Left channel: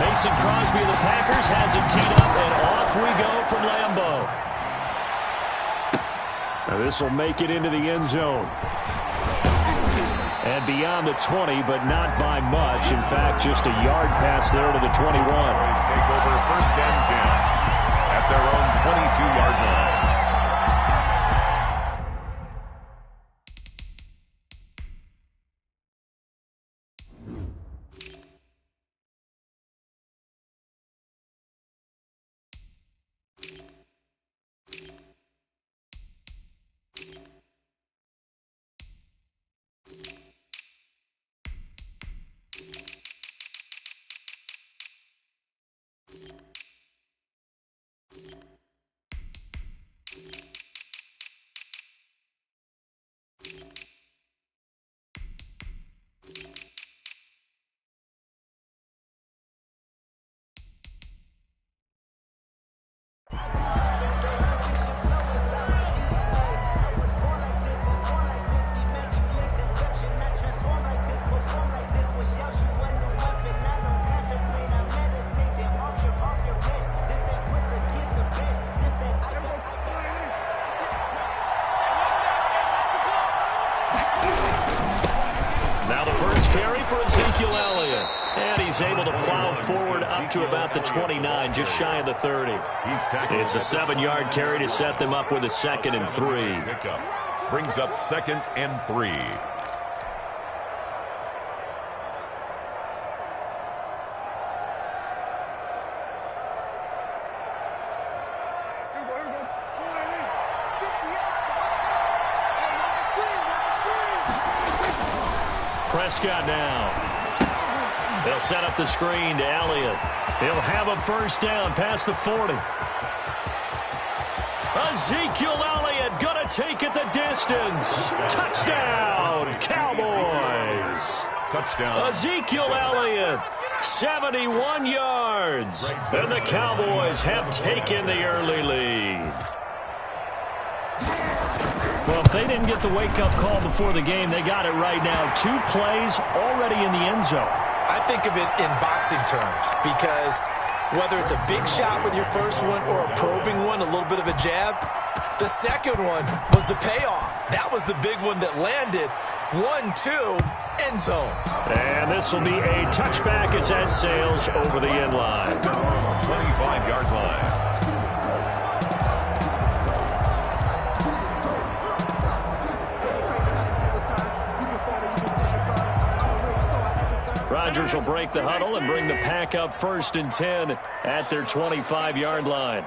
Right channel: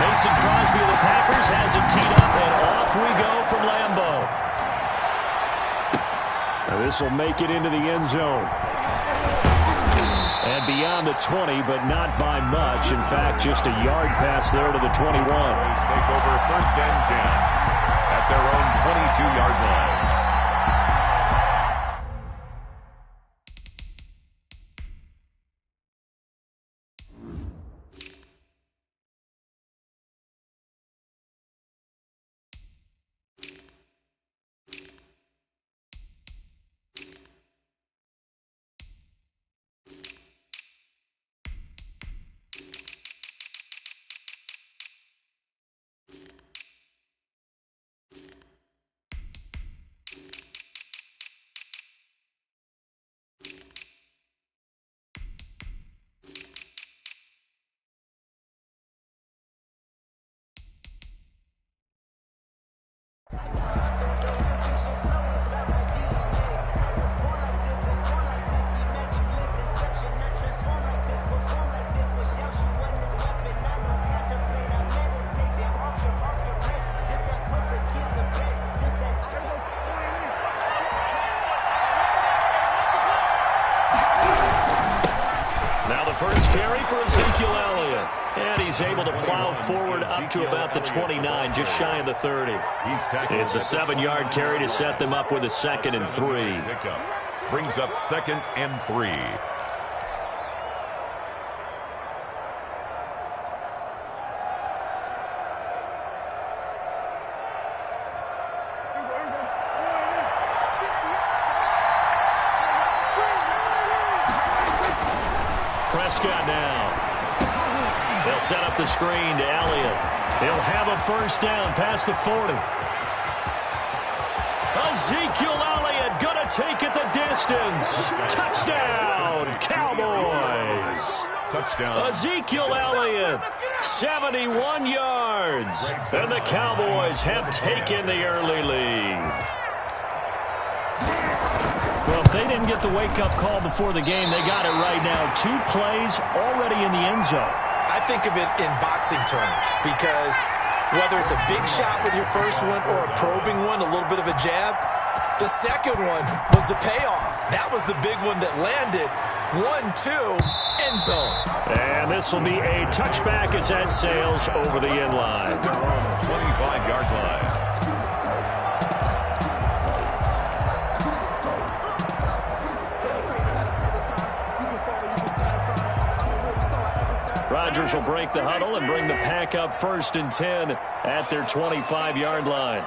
Mason Crosby of the Packers has it teed up, and off we go from Lambeau. Now this will make it into the end zone. And beyond the 20, but not by much. In fact, just a yard pass there to the 21. Take over first and 10 at their own 22-yard line. Now the first carry for Ezekiel Elliott. And he's able to plow forward up to about the 29, just shy of the 30. It's a 7-yard carry to set them up with a 2nd and 3. Brings up 2nd and 3. Prescott now. They'll set up the screen to Elliott. He'll have a first down past the 40. Ezekiel Elliott going to take it the distance. Touchdown, Cowboys. Touchdown. Ezekiel Elliott, 71 yards. And the Cowboys have taken the early lead. Well, if they didn't get the wake-up call before the game, they got it right now. 2 plays already in the end zone. I think of it in boxing terms because whether it's a big shot with your first one or a probing one, a little bit of a jab, the second one was the payoff. That was the big one that landed. 1-2, end zone. And this will be a touchback as that sails over the end line. 25-yard line. Rodgers will break the huddle and bring the pack up 1st and 10 at their 25-yard line.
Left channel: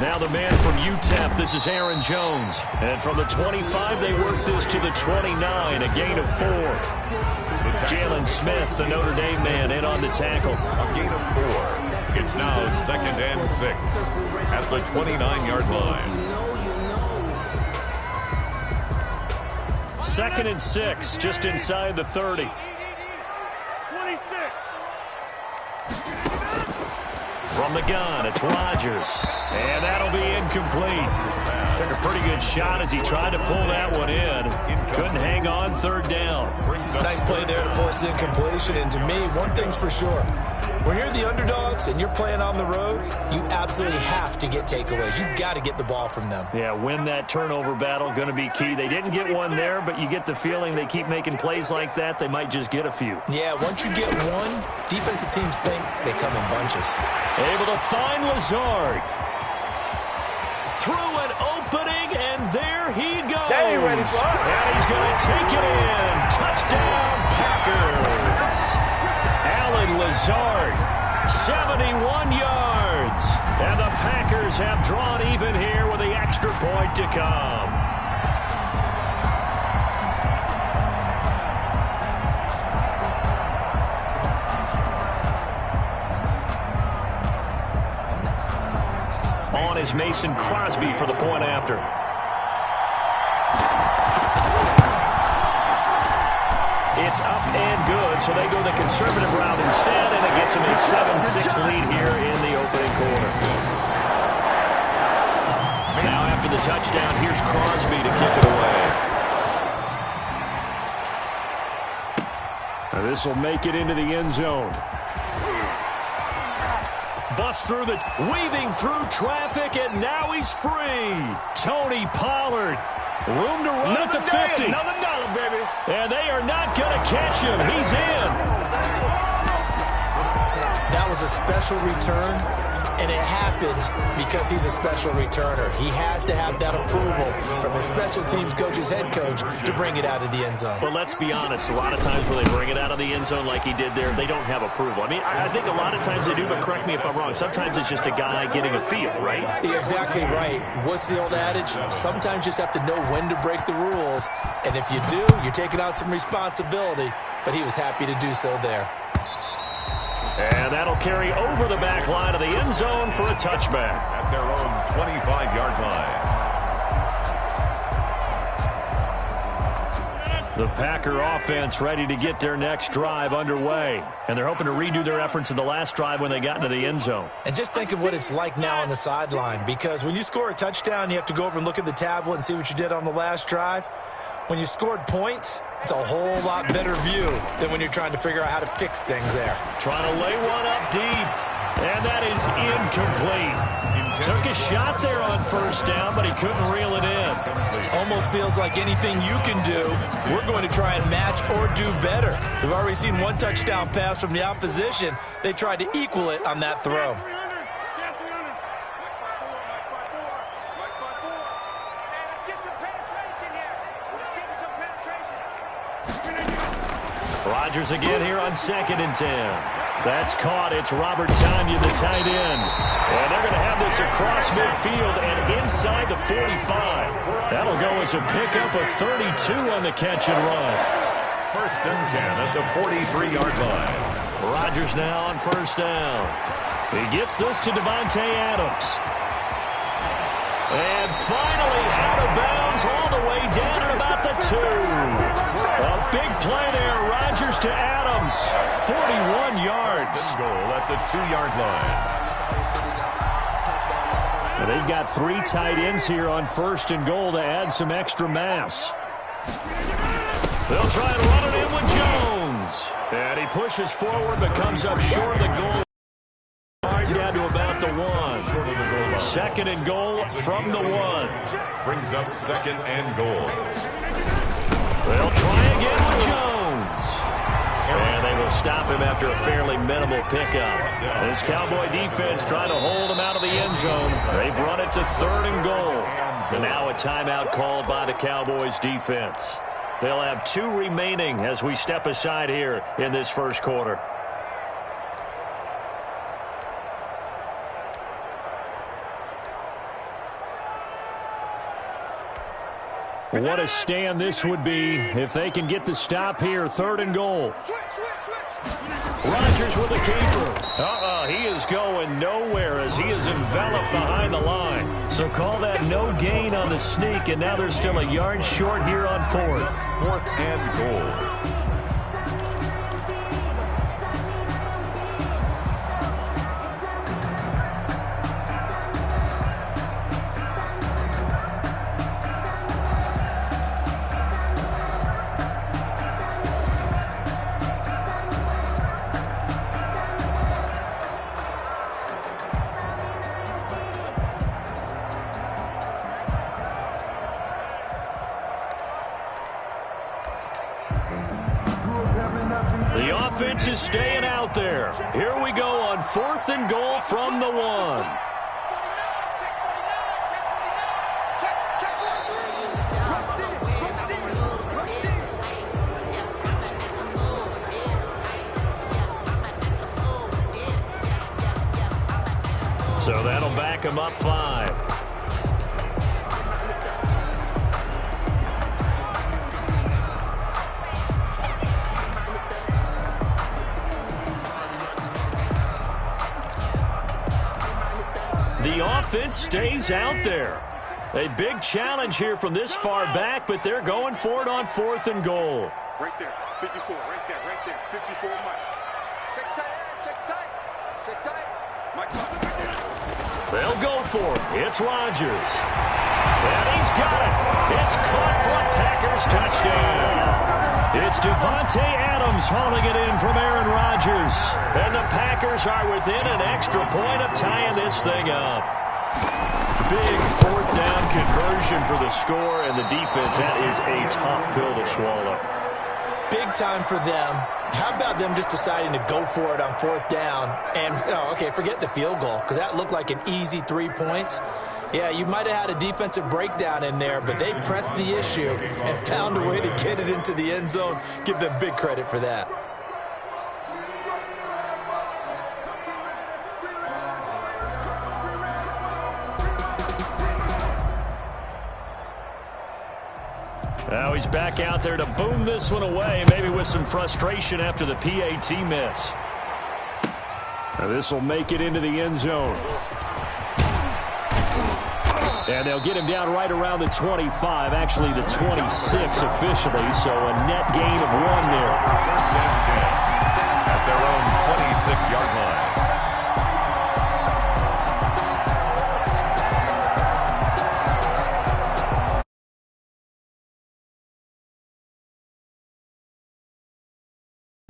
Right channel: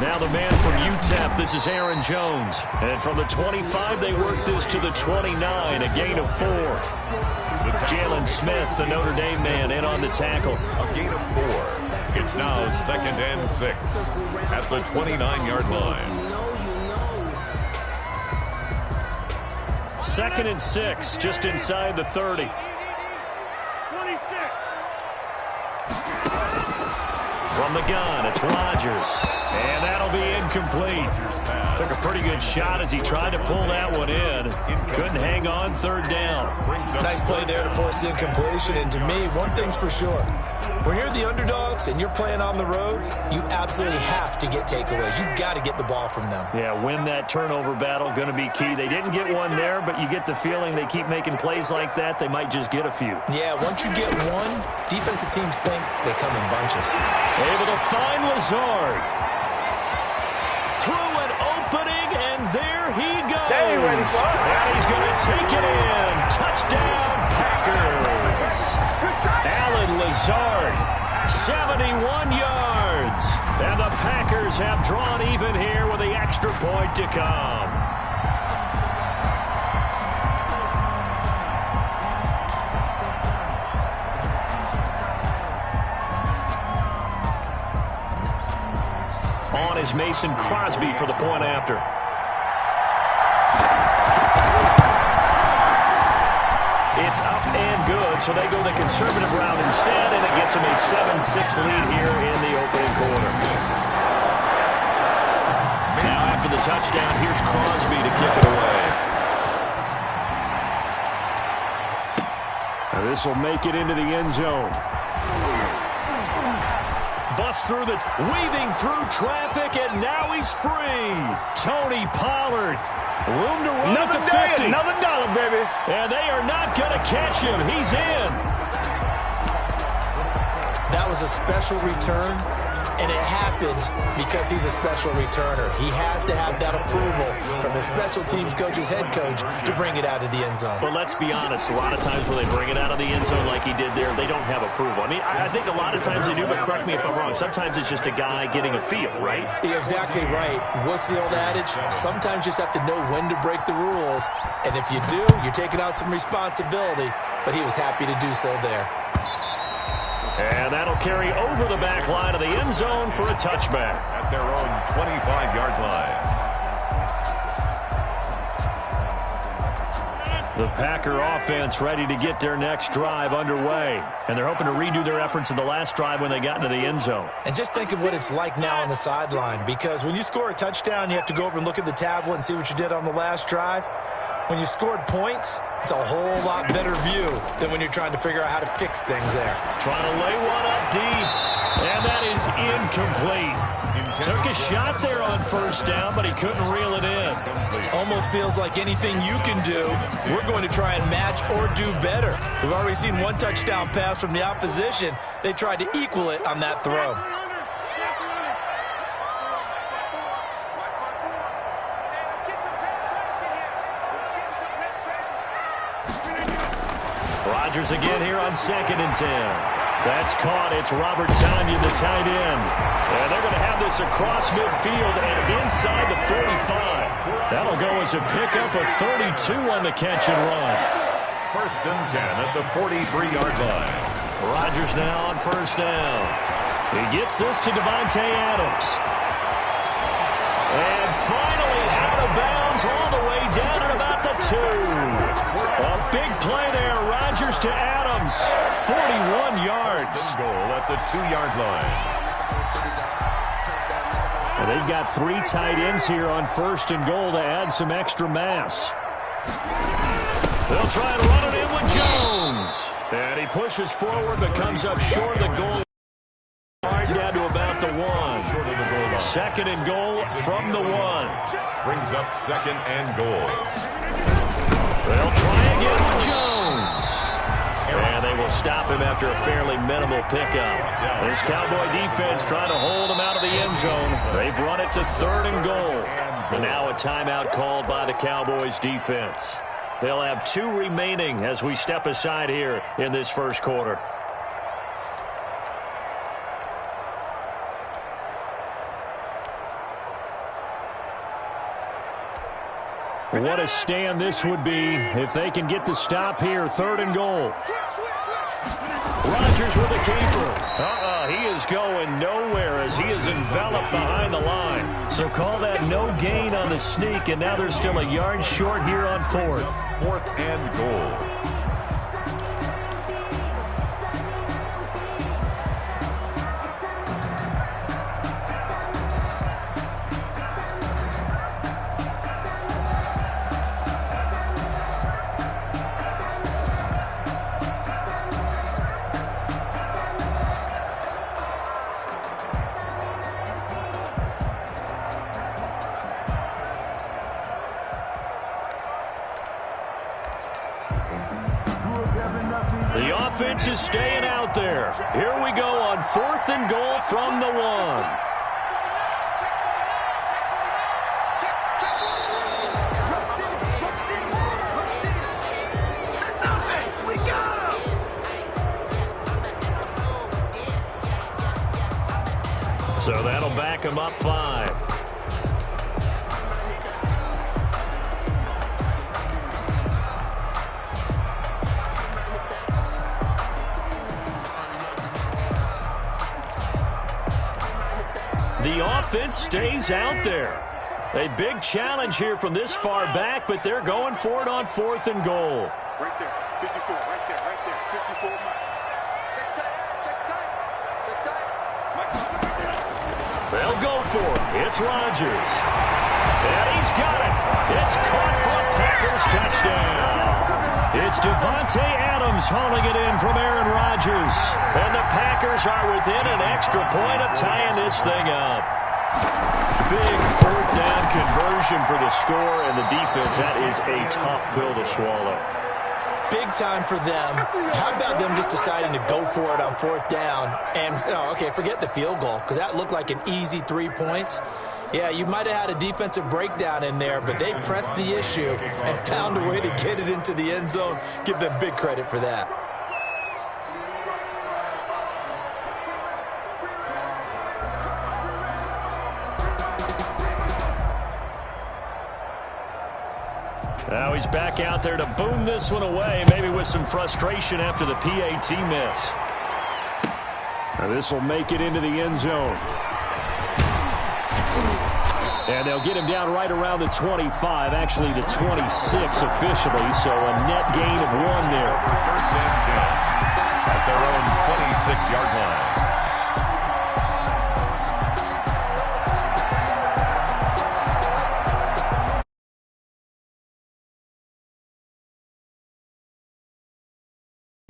Now the man from UTEP, this is Aaron Jones. And from the 25, they work this to the 29, a gain of 4. Jalen Smith, the Notre Dame man, in on the tackle. A gain of 4. It's now 2nd and 6 at the 29-yard line. 2nd and 6, just inside the 30. From the gun, it's Rodgers. And that'll be incomplete. Took a pretty good shot as he tried to pull that one in. Couldn't hang on, 3rd down. Nice play there to force the incompletion. And to me, one thing's for sure. When you're the underdogs and you're playing on the road, you absolutely have to get takeaways. You've got to get the ball from them. Yeah, win that turnover battle, going to be key. They didn't get one there, but you get the feeling they keep making plays like that, they might just get a few. Yeah, once you get one, defensive teams think they come in bunches. Able to find Lazard. Through an opening, and there he goes. They ain't ready for it. And he's going to take it in. Touchdown, Packers. Alan Lazard, 71 yards. And the Packers have drawn even here with the extra point to come. On is Mason Crosby for the point after. It's up and good, so they go the conservative route instead, and it gets them a 7-6 lead here in the opening quarter. Now after the touchdown, here's Crosby to kick it away. And this will make it into the end zone. Bust through the, weaving through traffic, and now he's free. Tony Pollard. Room to run at the 50. Another dollar, baby. And they are not going to catch him. He's in. That was a special return, and it happened because he's a special returner. He has to have that approval from his special teams coach's head coach to bring it out of the end zone. But let's be honest, a lot of times when they bring it out of the end zone like he did there, they don't have approval. I mean, I think a lot of times they do, but correct me if I'm wrong. Sometimes it's just a guy getting a feel, right? You're exactly right. What's the old adage? Sometimes you just have to know when to break the rules, and if you do, you're taking out some responsibility, but he was happy to do so there. And that'll carry over the back line of the end zone for a touchback. At their own 25-yard line. The Packer offense ready to get their next drive underway. And they're hoping to redo their efforts in the last drive when they got into the end zone. And just think of what it's like now on the sideline, because when you score a touchdown, you have to go over and look at the tablet and see what you did on the last drive. When you scored points, it's a whole lot better view than when you're trying to figure out how to fix things there. Trying to lay one up deep. And that is incomplete. Took a shot there on first down, but he couldn't reel it in. Almost feels like anything you can do, we're going to try and match or do better. We've already seen one touchdown pass from the opposition. They tried to equal it on that throw. Rodgers again here on 2nd and 10. That's caught. It's Robert Tonyan, the tight end. And they're going to have this across midfield and inside the 45. That'll go as a pickup of 32 on the catch and run. 1st and 10 at the 43-yard line. Rodgers now on first down. He gets this to Davante Adams. And finally out of bounds all the way down at about the 2. A big play there. Rodgers to Adams. 41 yards. Goal at the 2-yard line. And they've got 3 tight ends here on 1st and goal to add some extra mass. They'll try and run it in with Jones. And he pushes forward but comes up short of the goal. Down to about the 1. Short of the goal line. 2nd and goal from the 1. Brings up 2nd and goal. They'll try again with Jones. And they will stop him after a fairly minimal pickup. This Cowboy defense trying to hold him out of the end zone. They've run it to 3rd and goal. And now a timeout called by the Cowboys defense. They'll have 2 remaining as we step aside here in this first quarter. What a stand this would be if they can get the stop here. 3rd and goal. Rodgers with a keeper. He is going nowhere as he is enveloped behind the line. So call that no gain on the sneak, and now they're still a yard short here on 4th. 4th and goal. The offense is staying out there. Here we go on 4th and goal from the 1. So that'll back him up 5. The offense stays out there. A big challenge here from this far back, but they're going for it on 4th and goal. Right there, 54, right there, 54, Mike. Check tight, check tight, check tight. They'll go for it. It's Rodgers. And he's got it. It's caught for a Packers touchdown. It's Devontae Adams hauling it in from Aaron Rodgers. And the Packers are within an extra point of tying this thing up. Big fourth down conversion for the score, and the defense, that is a tough pill to swallow. Big time for them. How about them just deciding to go for it on fourth down? And, forget the field goal, because that looked like an easy 3 points. Yeah, you might have had a defensive breakdown in there, but they pressed the issue and found a way to get it into the end zone. Give them big credit for that. Now he's back out there to boom this one away, maybe with some frustration after the PAT miss. Now this will make it into the end zone. And they'll get him down right around the 25, actually the 26 officially, so a net gain of 1 there. First and 10 at their own 26-yard line.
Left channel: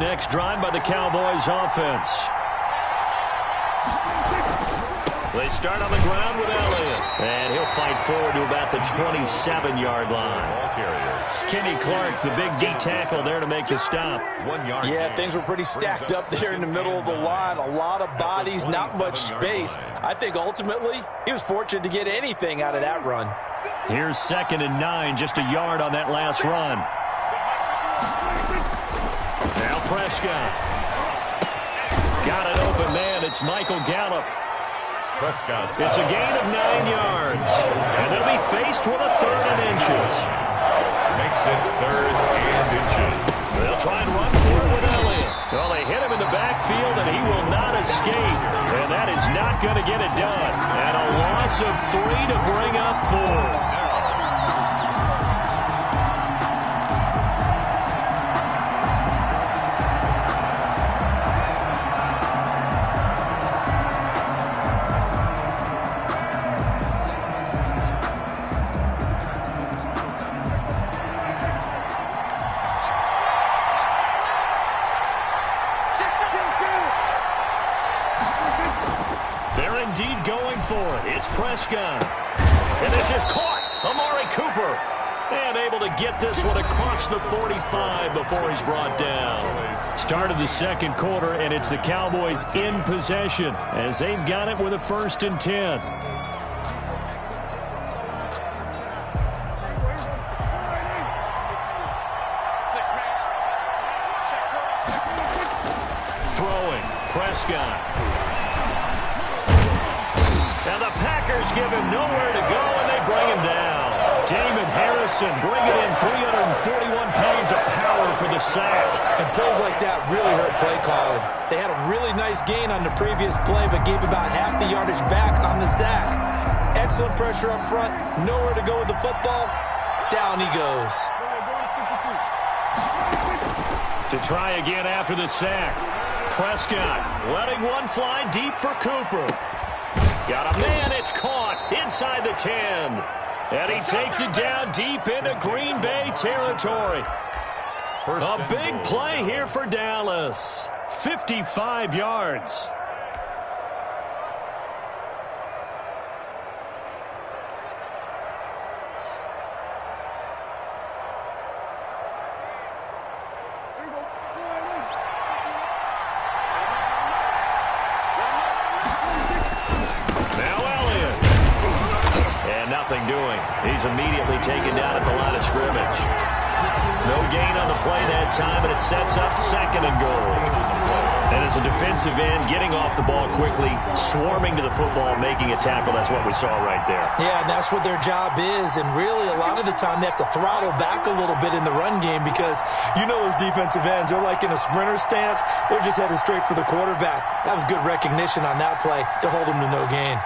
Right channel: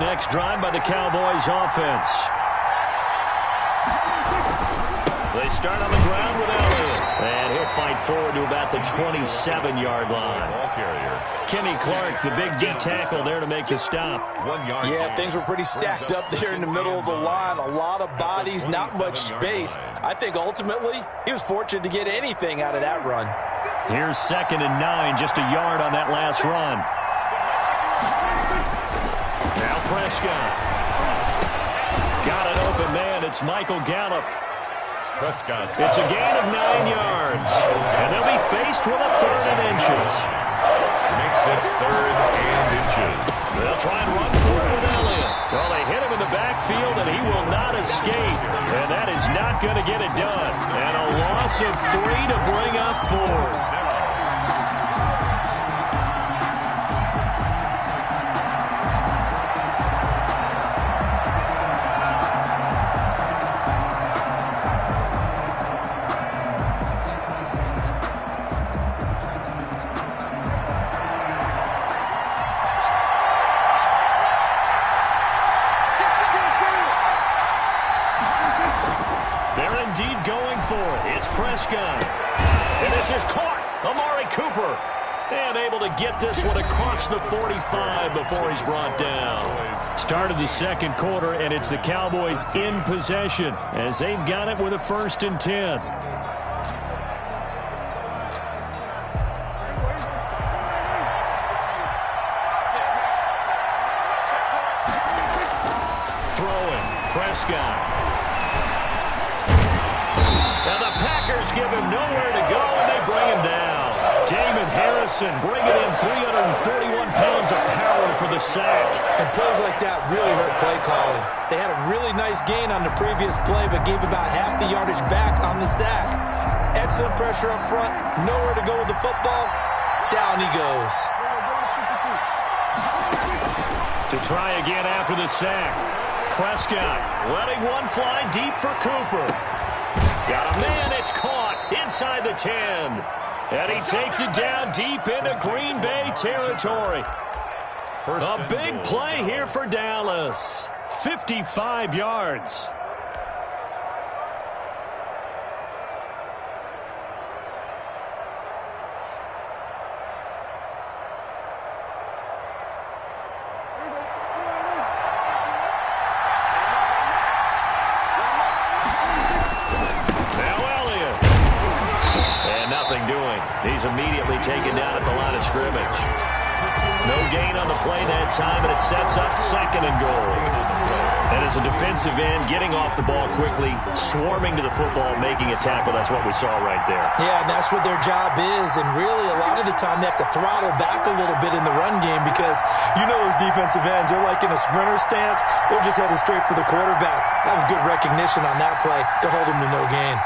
Next drive by the Cowboys offense. They start on the ground with Elliott. And he'll fight forward to about the 27-yard line. Ball carriers. Kenny Clark, the big D tackle there to make the stop. 1 yard. Yeah, things were pretty stacked up there in the middle of the line. A lot of bodies, not much space. I think ultimately he was fortunate to get anything out of that run. Here's 2nd and 9, just a yard on that last run. Now Prescott. Got an open man. It's Michael Gallup. Prescott. It's a gain of 9 yards. And they'll be faced with a 3rd and inches. Makes it 3rd and inches. They'll try and run for it with Elliott. Well, they hit him in the backfield, and he will not escape. And that is not going to get it done. And a loss of 3 to bring up 4. They're indeed going for it. It's Prescott. And this is caught. Amari Cooper. And able to get this one across the 45 before he's brought down. Start of the second quarter, and it's the Cowboys in possession as they've got it with a 1st and 10. Throwing. Prescott. Now the Packers give him nowhere to go, and they bring him down. Damon Harrison bringing in 341 pounds of power for the sack. And plays like that really hurt play calling. They had a really nice gain on the previous play, but gave about half the yardage back on the sack. Excellent pressure up front. Nowhere to go with the football. Down he goes. To try again after the sack. Prescott letting one fly deep for Cooper. Got a man, it's caught inside the 10. And he takes it down deep into Green Bay territory. A big play here for Dallas. 55 yards. Doing. He's immediately taken down at the line of scrimmage. No gain on the play that time, and it sets up 2nd and goal. And as a defensive end, getting off the ball quickly, swarming to the football, making a tackle, that's what we saw right there. Yeah, and that's what their job is, and really a lot of the time they have to throttle back a little bit in the run game because you know those defensive ends, they're like in a sprinter stance, they're just headed straight for the quarterback. That was good recognition on that play to hold them to no gain.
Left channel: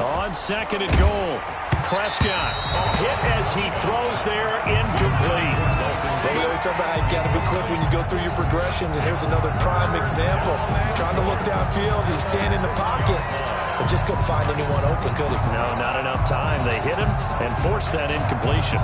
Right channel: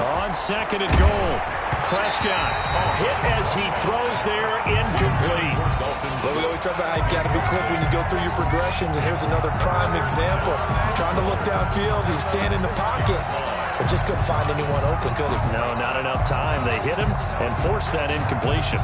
On 2nd and goal, Prescott hit as he throws there, incomplete. Well, we always talk somebody got to be quick when you go through your progressions, and here's another prime example. Trying to look downfield, he was standing in the pocket, but just couldn't find anyone open, could he? No, not enough time. They hit him and forced that incompletion.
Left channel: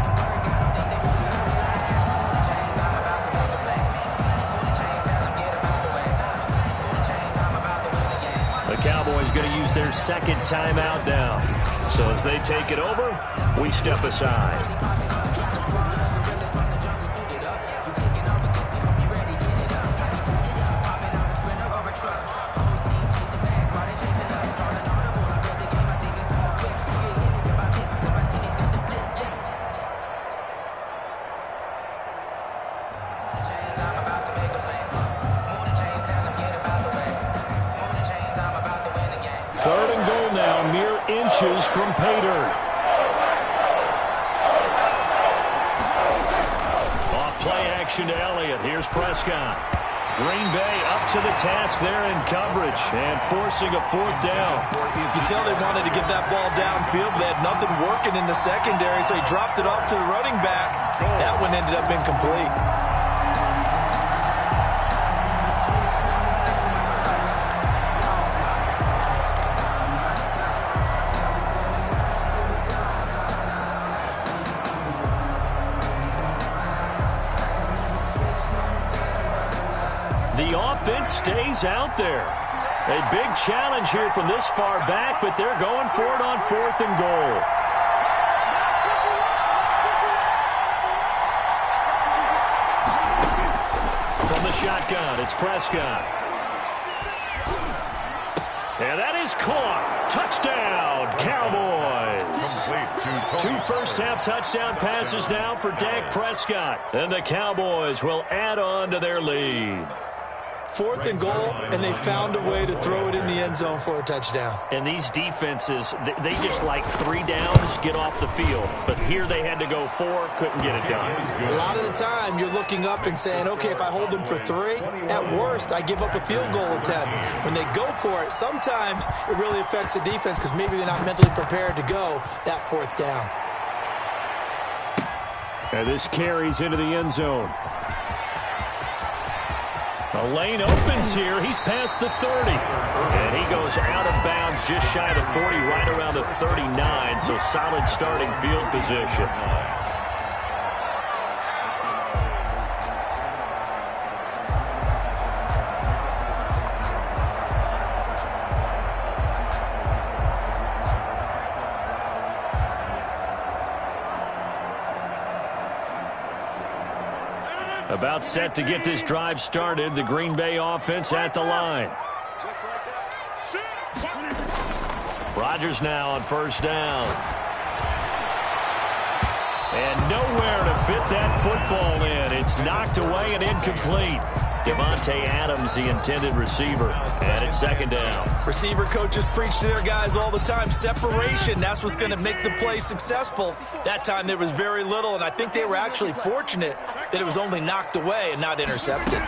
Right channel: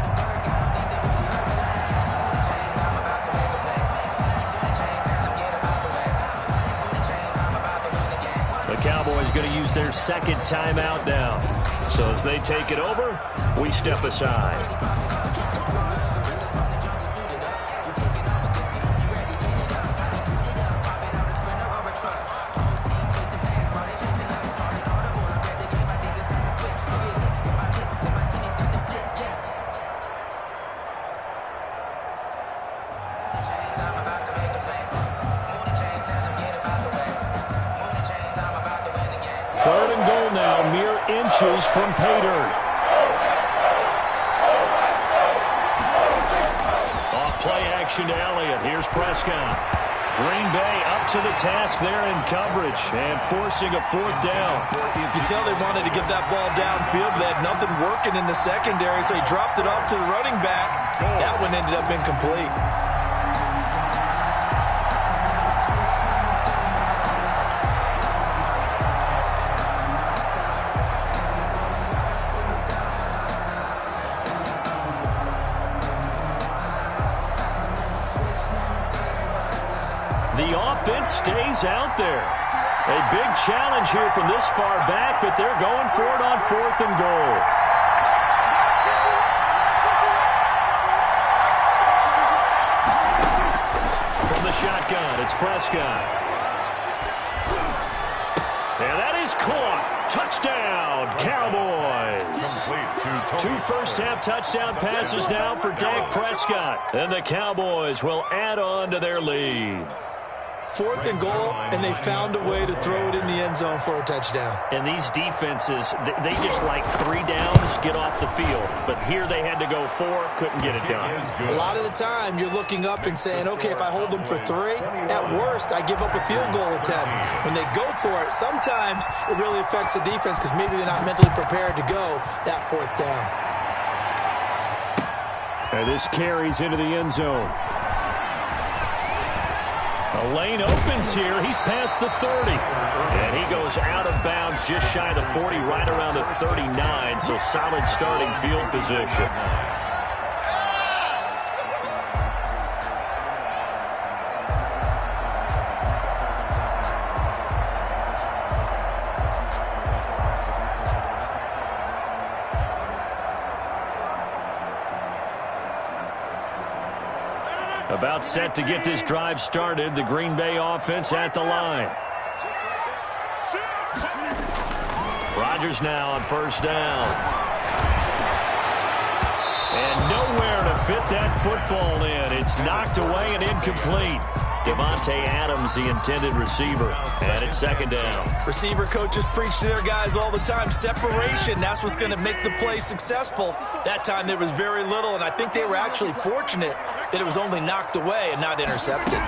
The Cowboys going to use their second timeout now. So as they take it over, we step aside. Third and goal now, mere inches from pay dirt. Off play action to Elliott. Here's Prescott. Green Bay up to the task there in coverage and forcing a fourth down. You can tell they wanted to get that ball downfield, but they had nothing working in the secondary, so he dropped it off to the running back. That one ended up incomplete. The offense stays out there. A big challenge here from this far back, but they're going for it on 4th and goal. From the shotgun, it's Prescott. And that is caught. Touchdown, Cowboys. Two first-half touchdown passes now for Dak Prescott. And the Cowboys will add on to their lead. 4th and goal, and they found a way to throw it in the end zone for a touchdown. And these defenses, they just like 3 downs, get off the field. But here they had to go 4, couldn't get it done. A lot of the time, you're looking up and saying, okay, if I hold them for 3, at worst, I give up a field goal attempt. When they go for it, sometimes it really affects the defense because maybe they're not mentally prepared to go that 4th down. And this carries into the end zone. A lane opens here. He's past the 30. And he goes out of bounds just shy of the 40, right around the 39. So solid starting field position. About set to get this drive started. The Green Bay offense at the line. Rodgers now on 1st down. And nowhere to fit that football in. It's knocked away and incomplete. Devontae Adams, the intended receiver. And it's 2nd down. Receiver coaches preach to their guys all the time. Separation, that's what's going to make the play successful. That time there was very little, and I think they were actually fortunate that it was only knocked away and not intercepted.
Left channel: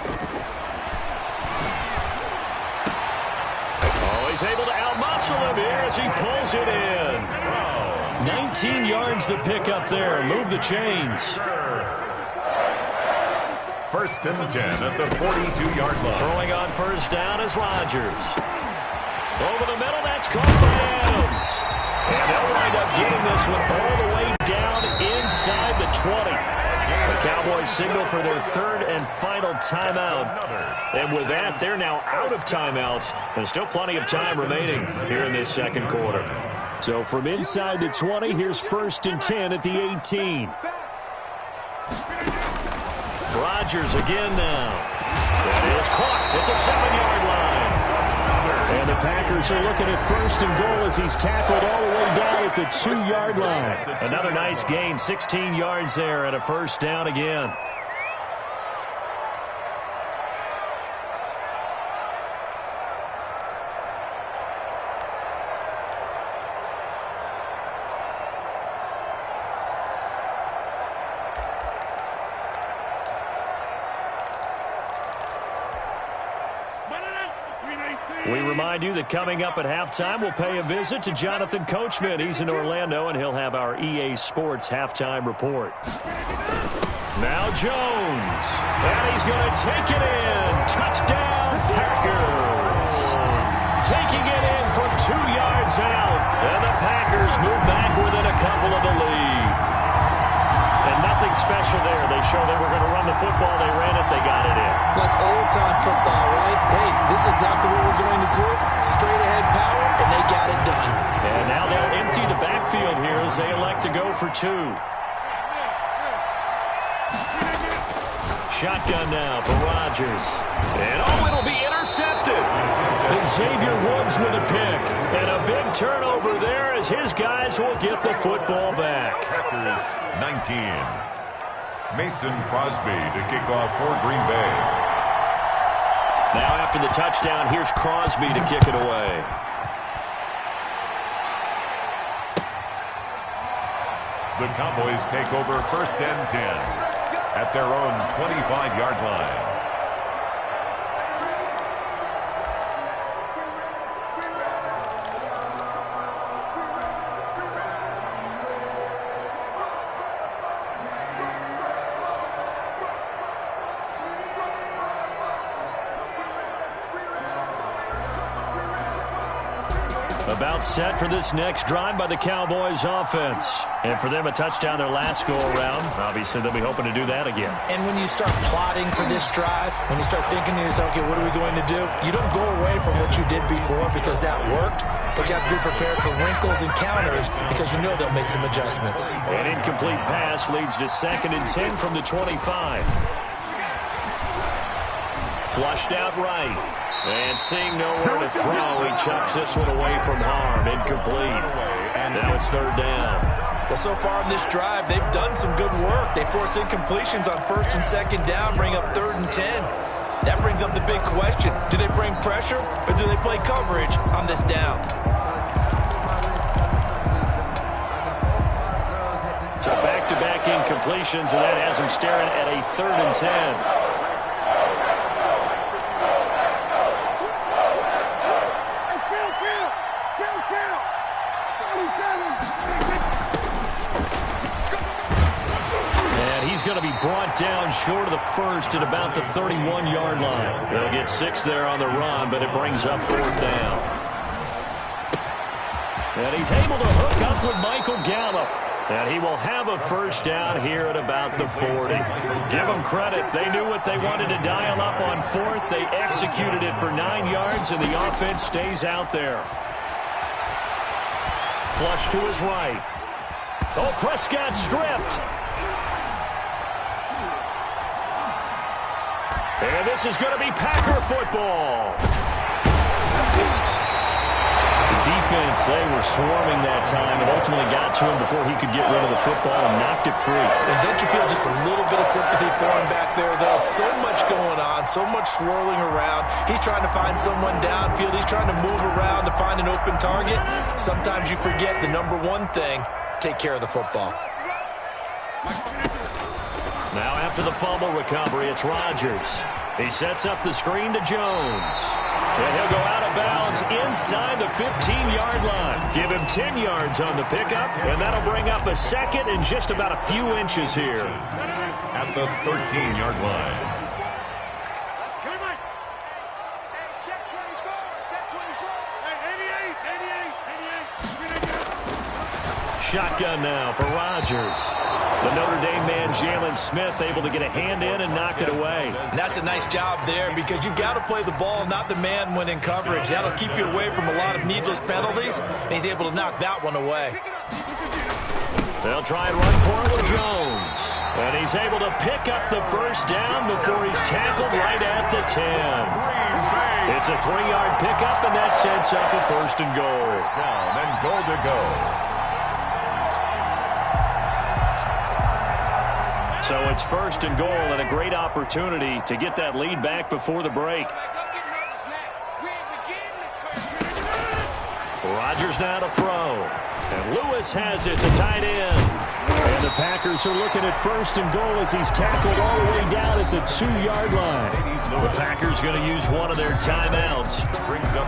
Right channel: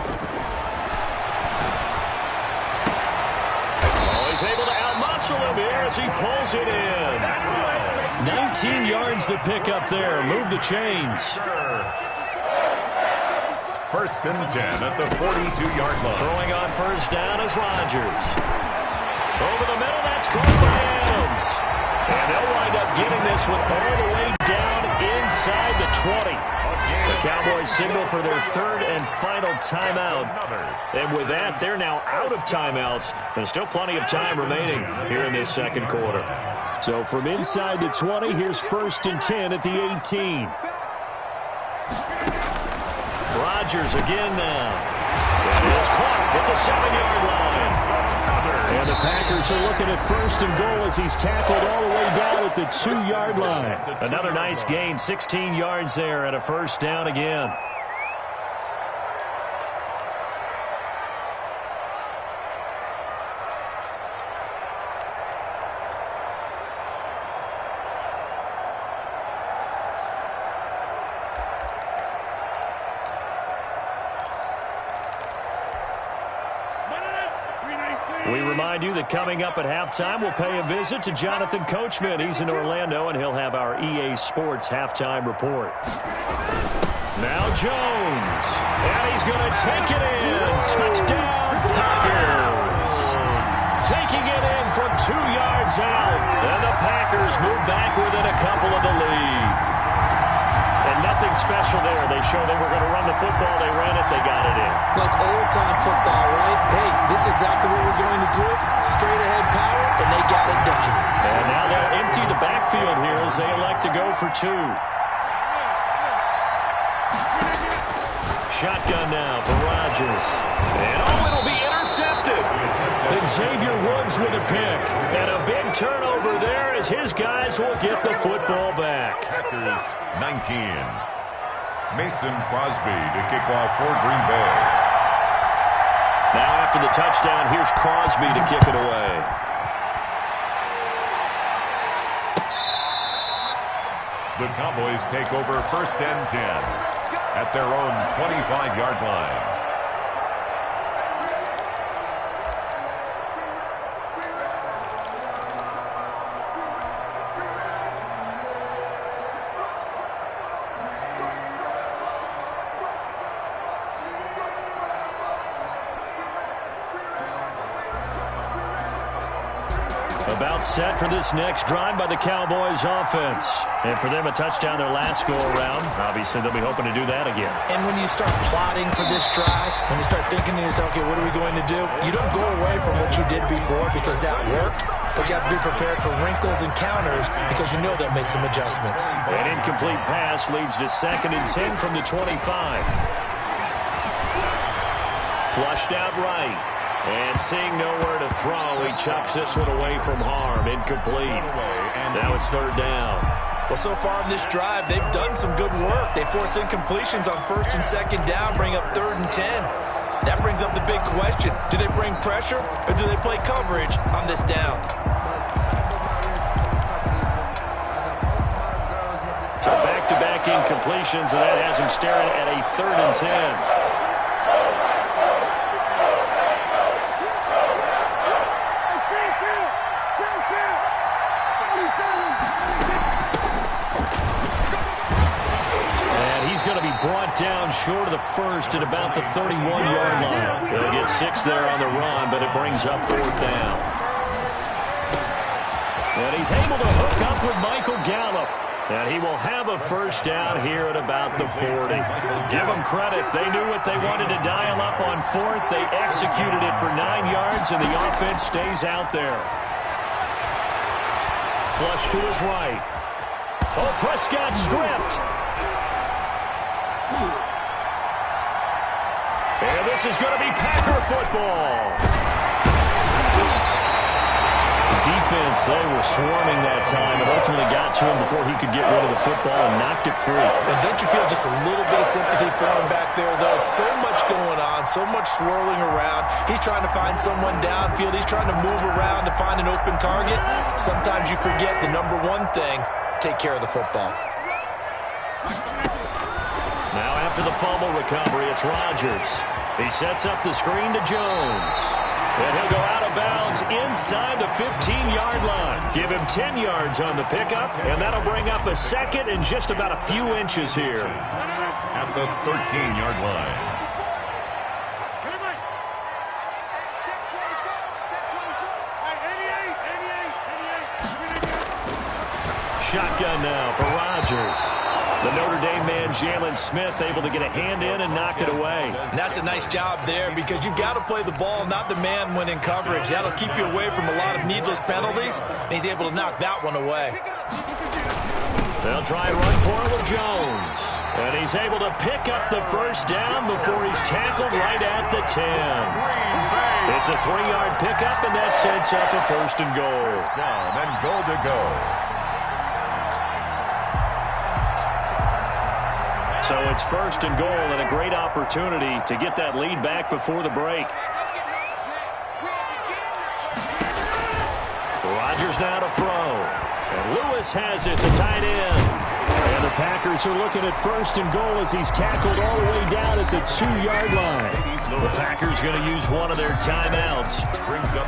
Oh, he's able to outmuscle him here as he pulls it in. 19 yards the pick up there. Move the chains. 1st and 10 at the 42-yard line. Throwing on 1st down is Rodgers. Over the middle, that's caught by Adams. And they'll wind up getting this one all the way down inside the 20. The Cowboys signal for their 3rd and final timeout. And with that, they're now out of timeouts. And still plenty of time remaining here in this 2nd quarter. So from inside the 20, here's 1st and 10 at the 18. Rodgers again now. That is caught at the 7-yard line. And the Packers are looking at 1st and goal as he's tackled all the way down at the 2-yard line. Another nice gain, 16 yards there and a 1st down again. We remind you that coming up at halftime, we'll pay a visit to Jonathan Coachman. He's in Orlando, and he'll have our EA Sports halftime report. Now Jones. And he's going to take it in. Touchdown, Packers. Taking it in from 2 yards out. And the Packers move back within a couple of the lead. And nothing special there. They show they were going to run the football. They ran it. They got it in. Like old-time football, right? Hey, this is exactly what we're going to do. Straight-ahead power, and they got it done. And now they'll empty the backfield here as they elect to go for 2. Shotgun now for Rodgers. And it'll be intercepted. And Xavier Woods with a pick. And a big turnover there as his guys will get the football back. Packers 19. Mason Crosby to kick off for Green Bay. Now after the touchdown, here's Crosby to kick it away. The Cowboys take over 1st and 10 at their own 25-yard line. About set for this next drive by the Cowboys offense. And for them, a touchdown their last go-around. Obviously, they'll be hoping to do that again. And when you start plotting for this drive, when you start thinking to yourself, okay, what are we going to do? You don't go away from what you did before because that worked, but you have to be prepared for wrinkles and counters because you know they'll make some adjustments. An incomplete pass leads to 2nd and 10 from the 25. Flushed out right. And seeing nowhere to throw, he chucks this one away from harm. Incomplete. And now it's 3rd down. Well, so far in this drive, they've done some good work. They force incompletions on 1st and 2nd down, bring up 3rd and 10. That brings up the big question. Do they bring pressure or do they play coverage on this down? So back-to-back incompletions, and that has him staring at a 3rd and 10. And he's going to be brought down short of the 1st at about the 31-yard line. They'll get 6 there on the run, but it brings up 4th down. And he's able to hook up with Michael Gallup. And he will have a 1st down here at about the 40. Give them credit. They knew what they wanted to dial up on 4th. They executed it for 9 yards, and the offense stays out there. Flush to his right. Oh, Prescott stripped. And this is going to be Packer football. The defense, they were swarming that time and ultimately got to him before he could get rid of the football and knocked it free. And don't you feel just a little bit of sympathy for him back there, though? So much going on, so much swirling around. He's trying to find someone downfield. He's trying to move around to find an open target. Sometimes you forget the number one thing, take care of the football. Now after the fumble recovery, it's Rodgers. He sets up the screen to Jones. And he'll go out of bounds inside the 15-yard line. Give him 10 yards on the pickup, and that'll bring up a 2nd and just about a few inches here. At the 13-yard line. Shotgun now for Rodgers. The Notre Dame man, Jalen Smith, able to get a hand in and knock it away. And that's a nice job there because you've got to play the ball, not the man when in coverage. That'll keep you away from a lot of needless penalties, and he's able to knock that one away. They'll try and run for it with Jones. And he's able to pick up the 1st down before he's tackled right at the 10. It's a 3-yard pickup, and that sets up a 1st and goal. Down and goal to go. So it's 1st and goal and a great opportunity to get that lead back before the break. Rodgers now to throw. And Lewis has it, the tight end. And the Packers are looking at 1st and goal as he's tackled all the way down at the 2-yard line. The Packers going to use one of their timeouts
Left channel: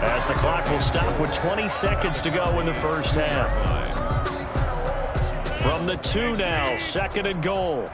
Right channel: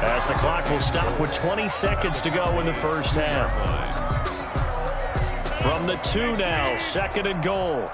as the clock will stop with 20 seconds to go in the 1st half. From the 2 now, 2nd and goal.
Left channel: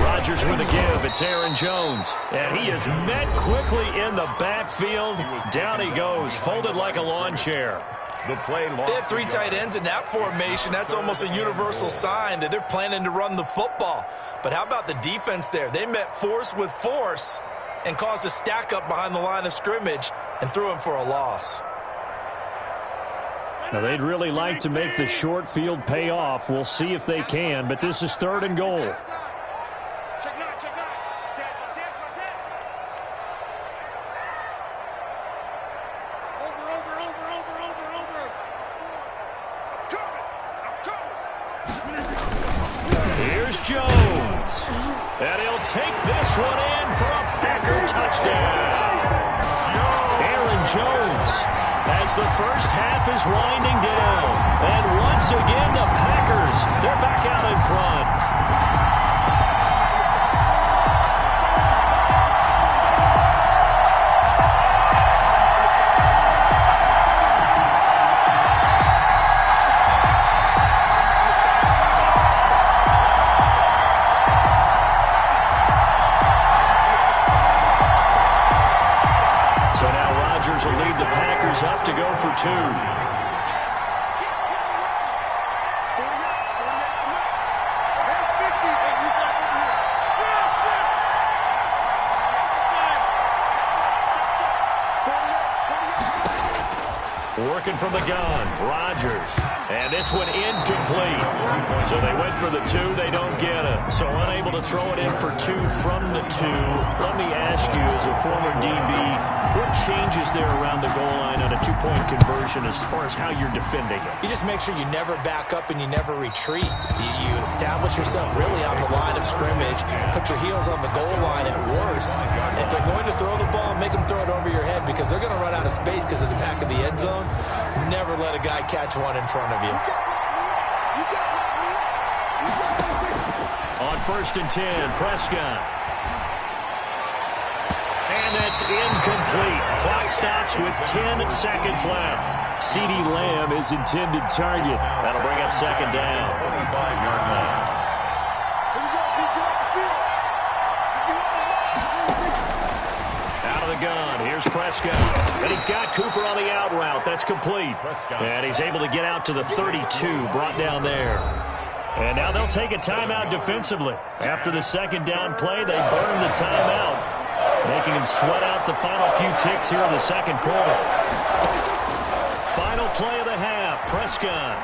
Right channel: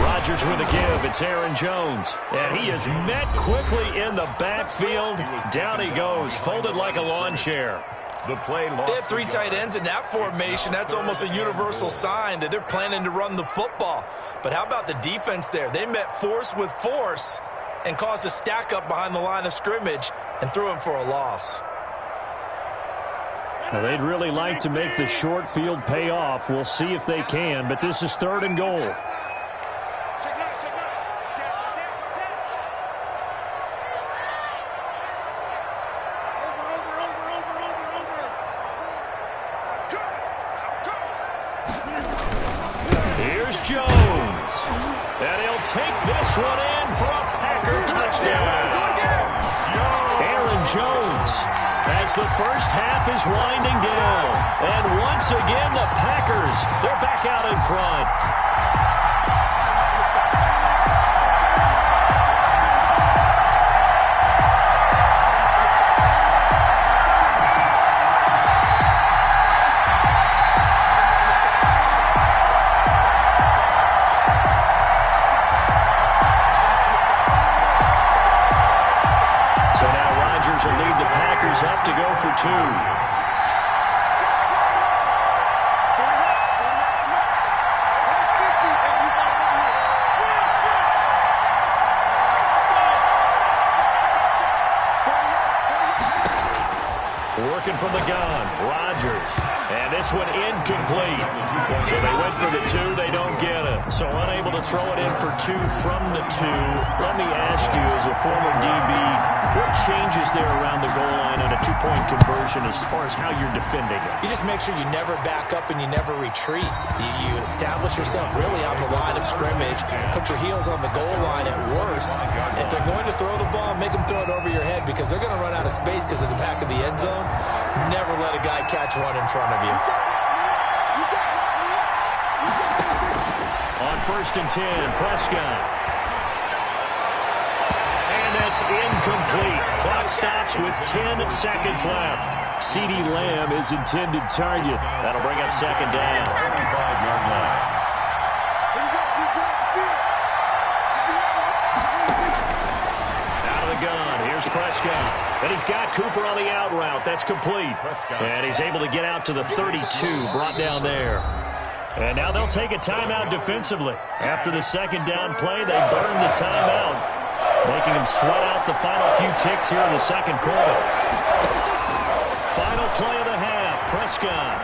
Rodgers with a give. It's Aaron Jones. And he is met quickly in the backfield. Down he goes, folded like a lawn chair. The play lost. They have three tight ends in that formation. That's almost a universal sign that they're planning to run the football. But how about the defense there? They met force with force and caused a stack up behind the line of scrimmage and threw him for a loss. Now, they'd really like to make the short field pay off. We'll see if they can, but this is 3rd and goal. Here's Jones. And he'll take this one in for a Packer touchdown. Aaron Jones, as the first half is winding down. And once again, the Packers, they're back out in front. So now Rodgers will lead the Packers up to go for 2. Working from the gun, Rodgers. And this one incomplete. So they went for the 2, they don't get it. So unable to throw it in for 2 from the 2. Let me ask you, as a former DB, what changes there around the goal line on a 2-point conversion as far as how you're defending it? You just make sure you never back up and you never retreat. You establish yourself really on the line of scrimmage, put your heels on the goal line at worst. And if they're going to throw the ball, make them throw it over your head because they're going to run out of space because of the back of the end zone. Never let a guy catch one in front of you. On 1st and 10, Prescott. And that's incomplete. Clock stops with 10 seconds left. CeeDee Lamb is intended target. That'll bring up 2nd down. 25-yard line. Out of the gun, here's Prescott. And he's got Cooper on the out route. That's complete. And he's able to get out to the 32, brought down there. And now they'll take a timeout defensively. After the 2nd down play, they burn the timeout, making him sweat out the final few ticks here in the 2nd quarter. Final play of the half, Prescott.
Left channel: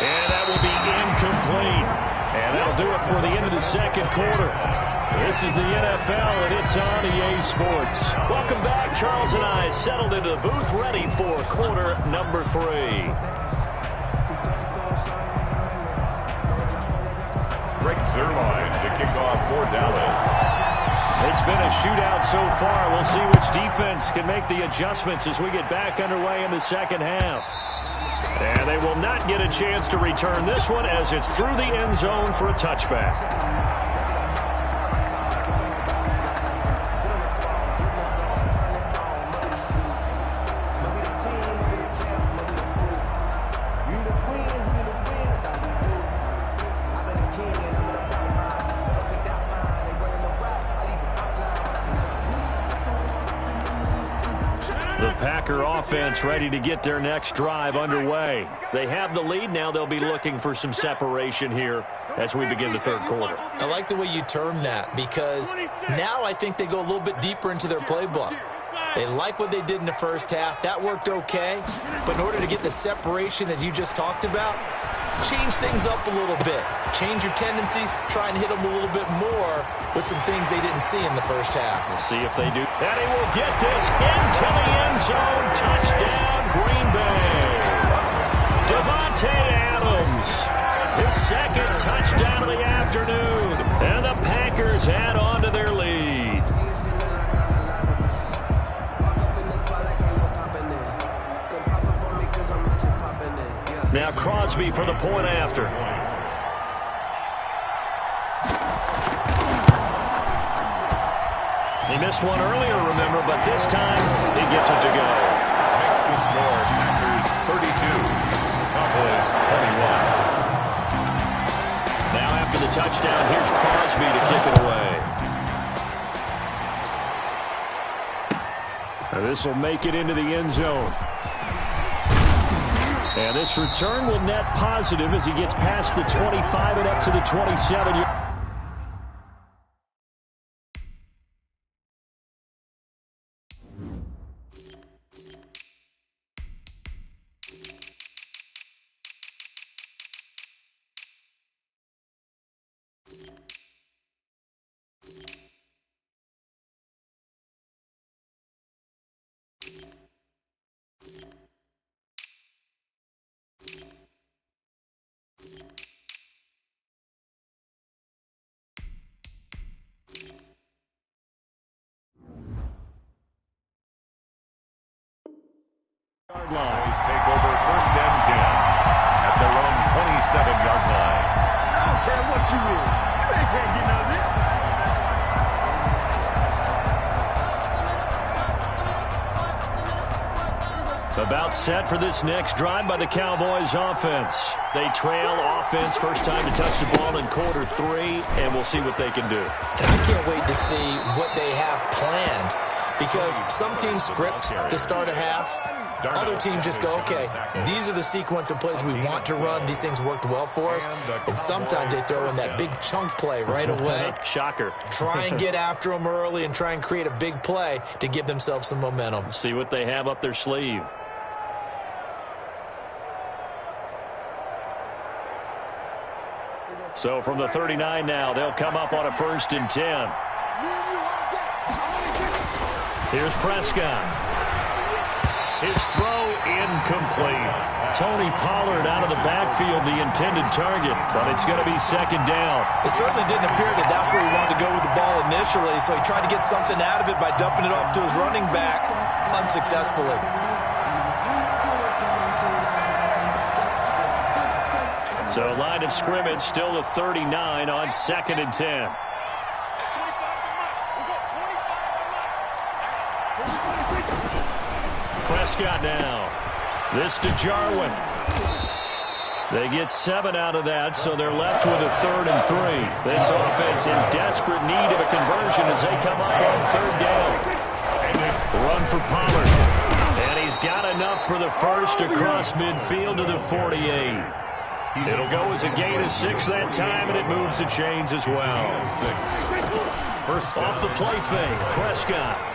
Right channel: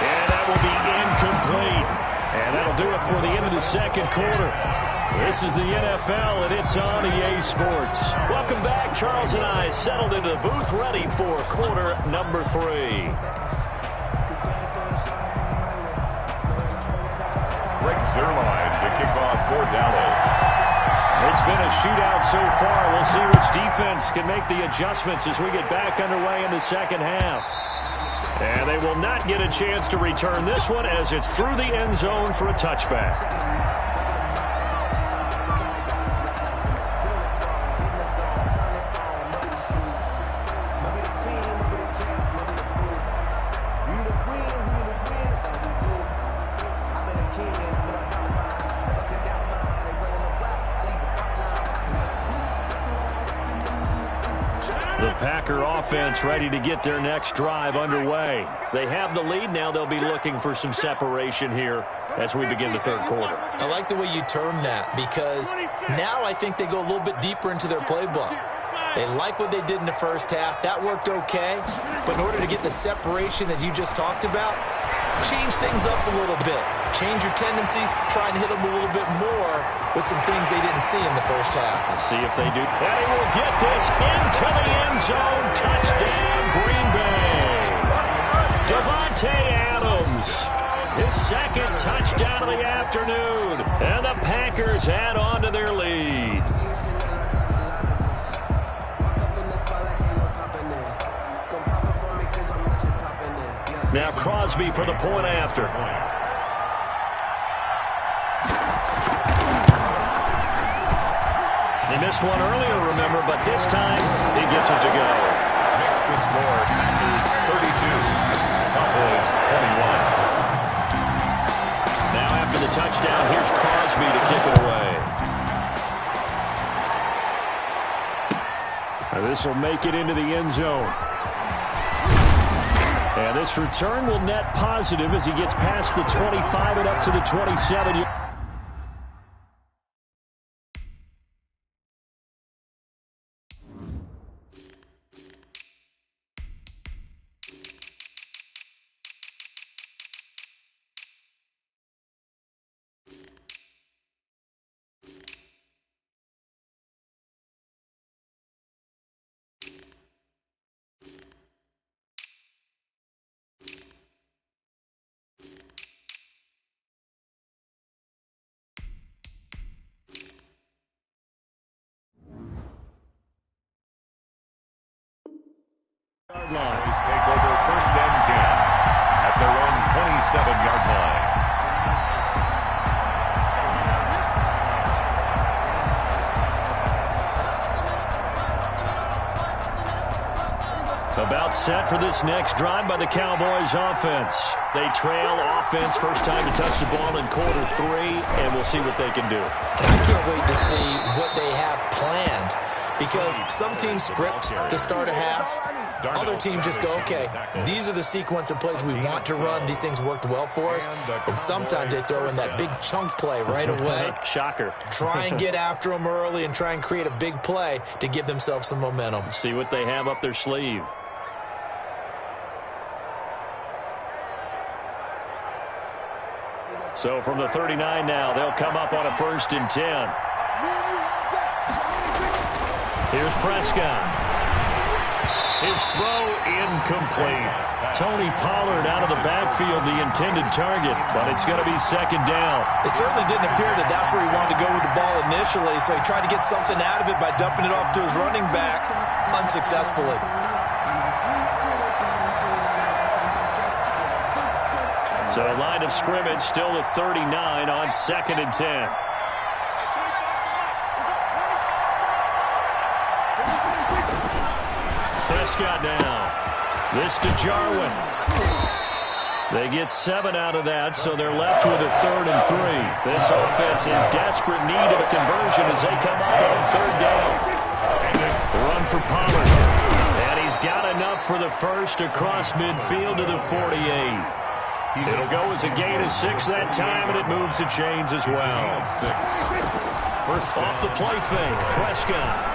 And that will be incomplete. And that'll do it for the end of the 2nd quarter. This is the NFL, and it's on EA Sports. Welcome back. Charles and I settled into the booth, ready for quarter number 3. Greg Zuerlein to kick off for Dallas. It's been a shootout so far. We'll see which defense can make the adjustments as we get back underway in the 2nd half. And they will not get a chance to return this one as it's through the end zone for a touchback. The Packer offense ready to get their next drive underway. They have the lead. Now they'll be looking for some separation here as we begin the 3rd quarter. I like the way you term that because now I think they go a little bit deeper into their playbook. They like what they did in the 1st half. That worked okay. But in order to get the separation that you just talked about, change things up a little bit. Change your tendencies. Try and hit them a little bit more with some things they didn't see in the 1st half. We'll see if they do. And he will get this into the end zone. Touchdown, Green Bay. Davante Adams, his 2nd touchdown of the afternoon. And the Packers add on to their lead. Now Crosby for the point after. He missed one earlier, remember, but this time he gets it to go. Makes the score Packers 32, Cowboys 21. the touchdown. Here's Crosby to kick it away. This will make it into the end zone. And this return will net positive as he gets past the 25 and up to the 27. Cowboys take over 1st and 10 at their own 27-yard line. About set for this next drive by the Cowboys offense. They trail offense, first time to touch the ball in quarter 3, and we'll see what they can do. And I can't wait to see what they have planned, because some teams script to start a half. Other teams just go, okay, these are the sequence of plays we want to run. These things worked well for us. And sometimes they throw in that big chunk play right away. Shocker. Try and get after them early and try and create a big play to give themselves some momentum. See what they have up their sleeve. So from the 39 now, they'll come up on a 1st and 10. Here's Prescott. His throw incomplete. Tony Pollard out of the backfield, the intended target, but it's going to be 2nd down. It certainly didn't appear that that's where he wanted to go with the ball initially, so he tried to get something out of it by dumping it off to his running back unsuccessfully. So line of scrimmage still the 39 on 2nd and 10. Prescott now. This to Jarwin. They get 7 out of that, so they're left with a 3rd and 3. This offense in desperate need of a conversion as they come up on 3rd down. Run for Pollard. And he's got enough for the first across midfield to the 48. It'll go as a gain of 6 that time, and it moves the chains as well. Off the play fake, Prescott.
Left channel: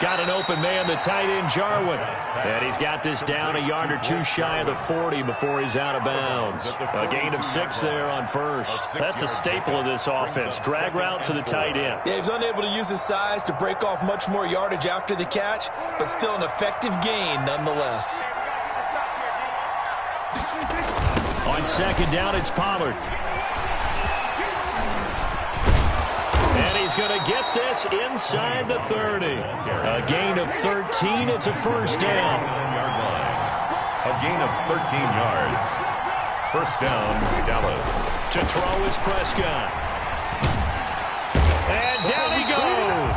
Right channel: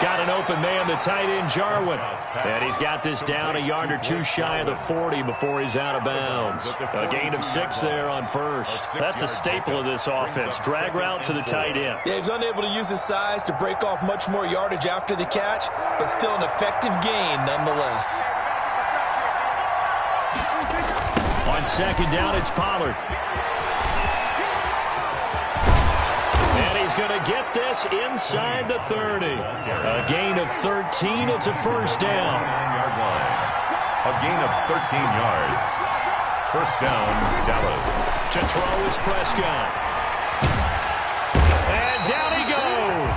Got an open man, the tight end, Jarwin. And he's got this down a yard or 2 shy of the 40 before he's out of bounds. A gain of 6 there on 1st. That's a staple of this offense. Drag route to the tight end. Yeah, he was unable to use his size to break off much more yardage after the catch, but still an effective gain nonetheless. On 2nd down, it's Pollard. And he's going to get this inside the 30. A gain of 13. It's a 1st down. 9-yard line. A gain of 13 yards. 1st down, Dallas. To throw is Prescott. And down he goes.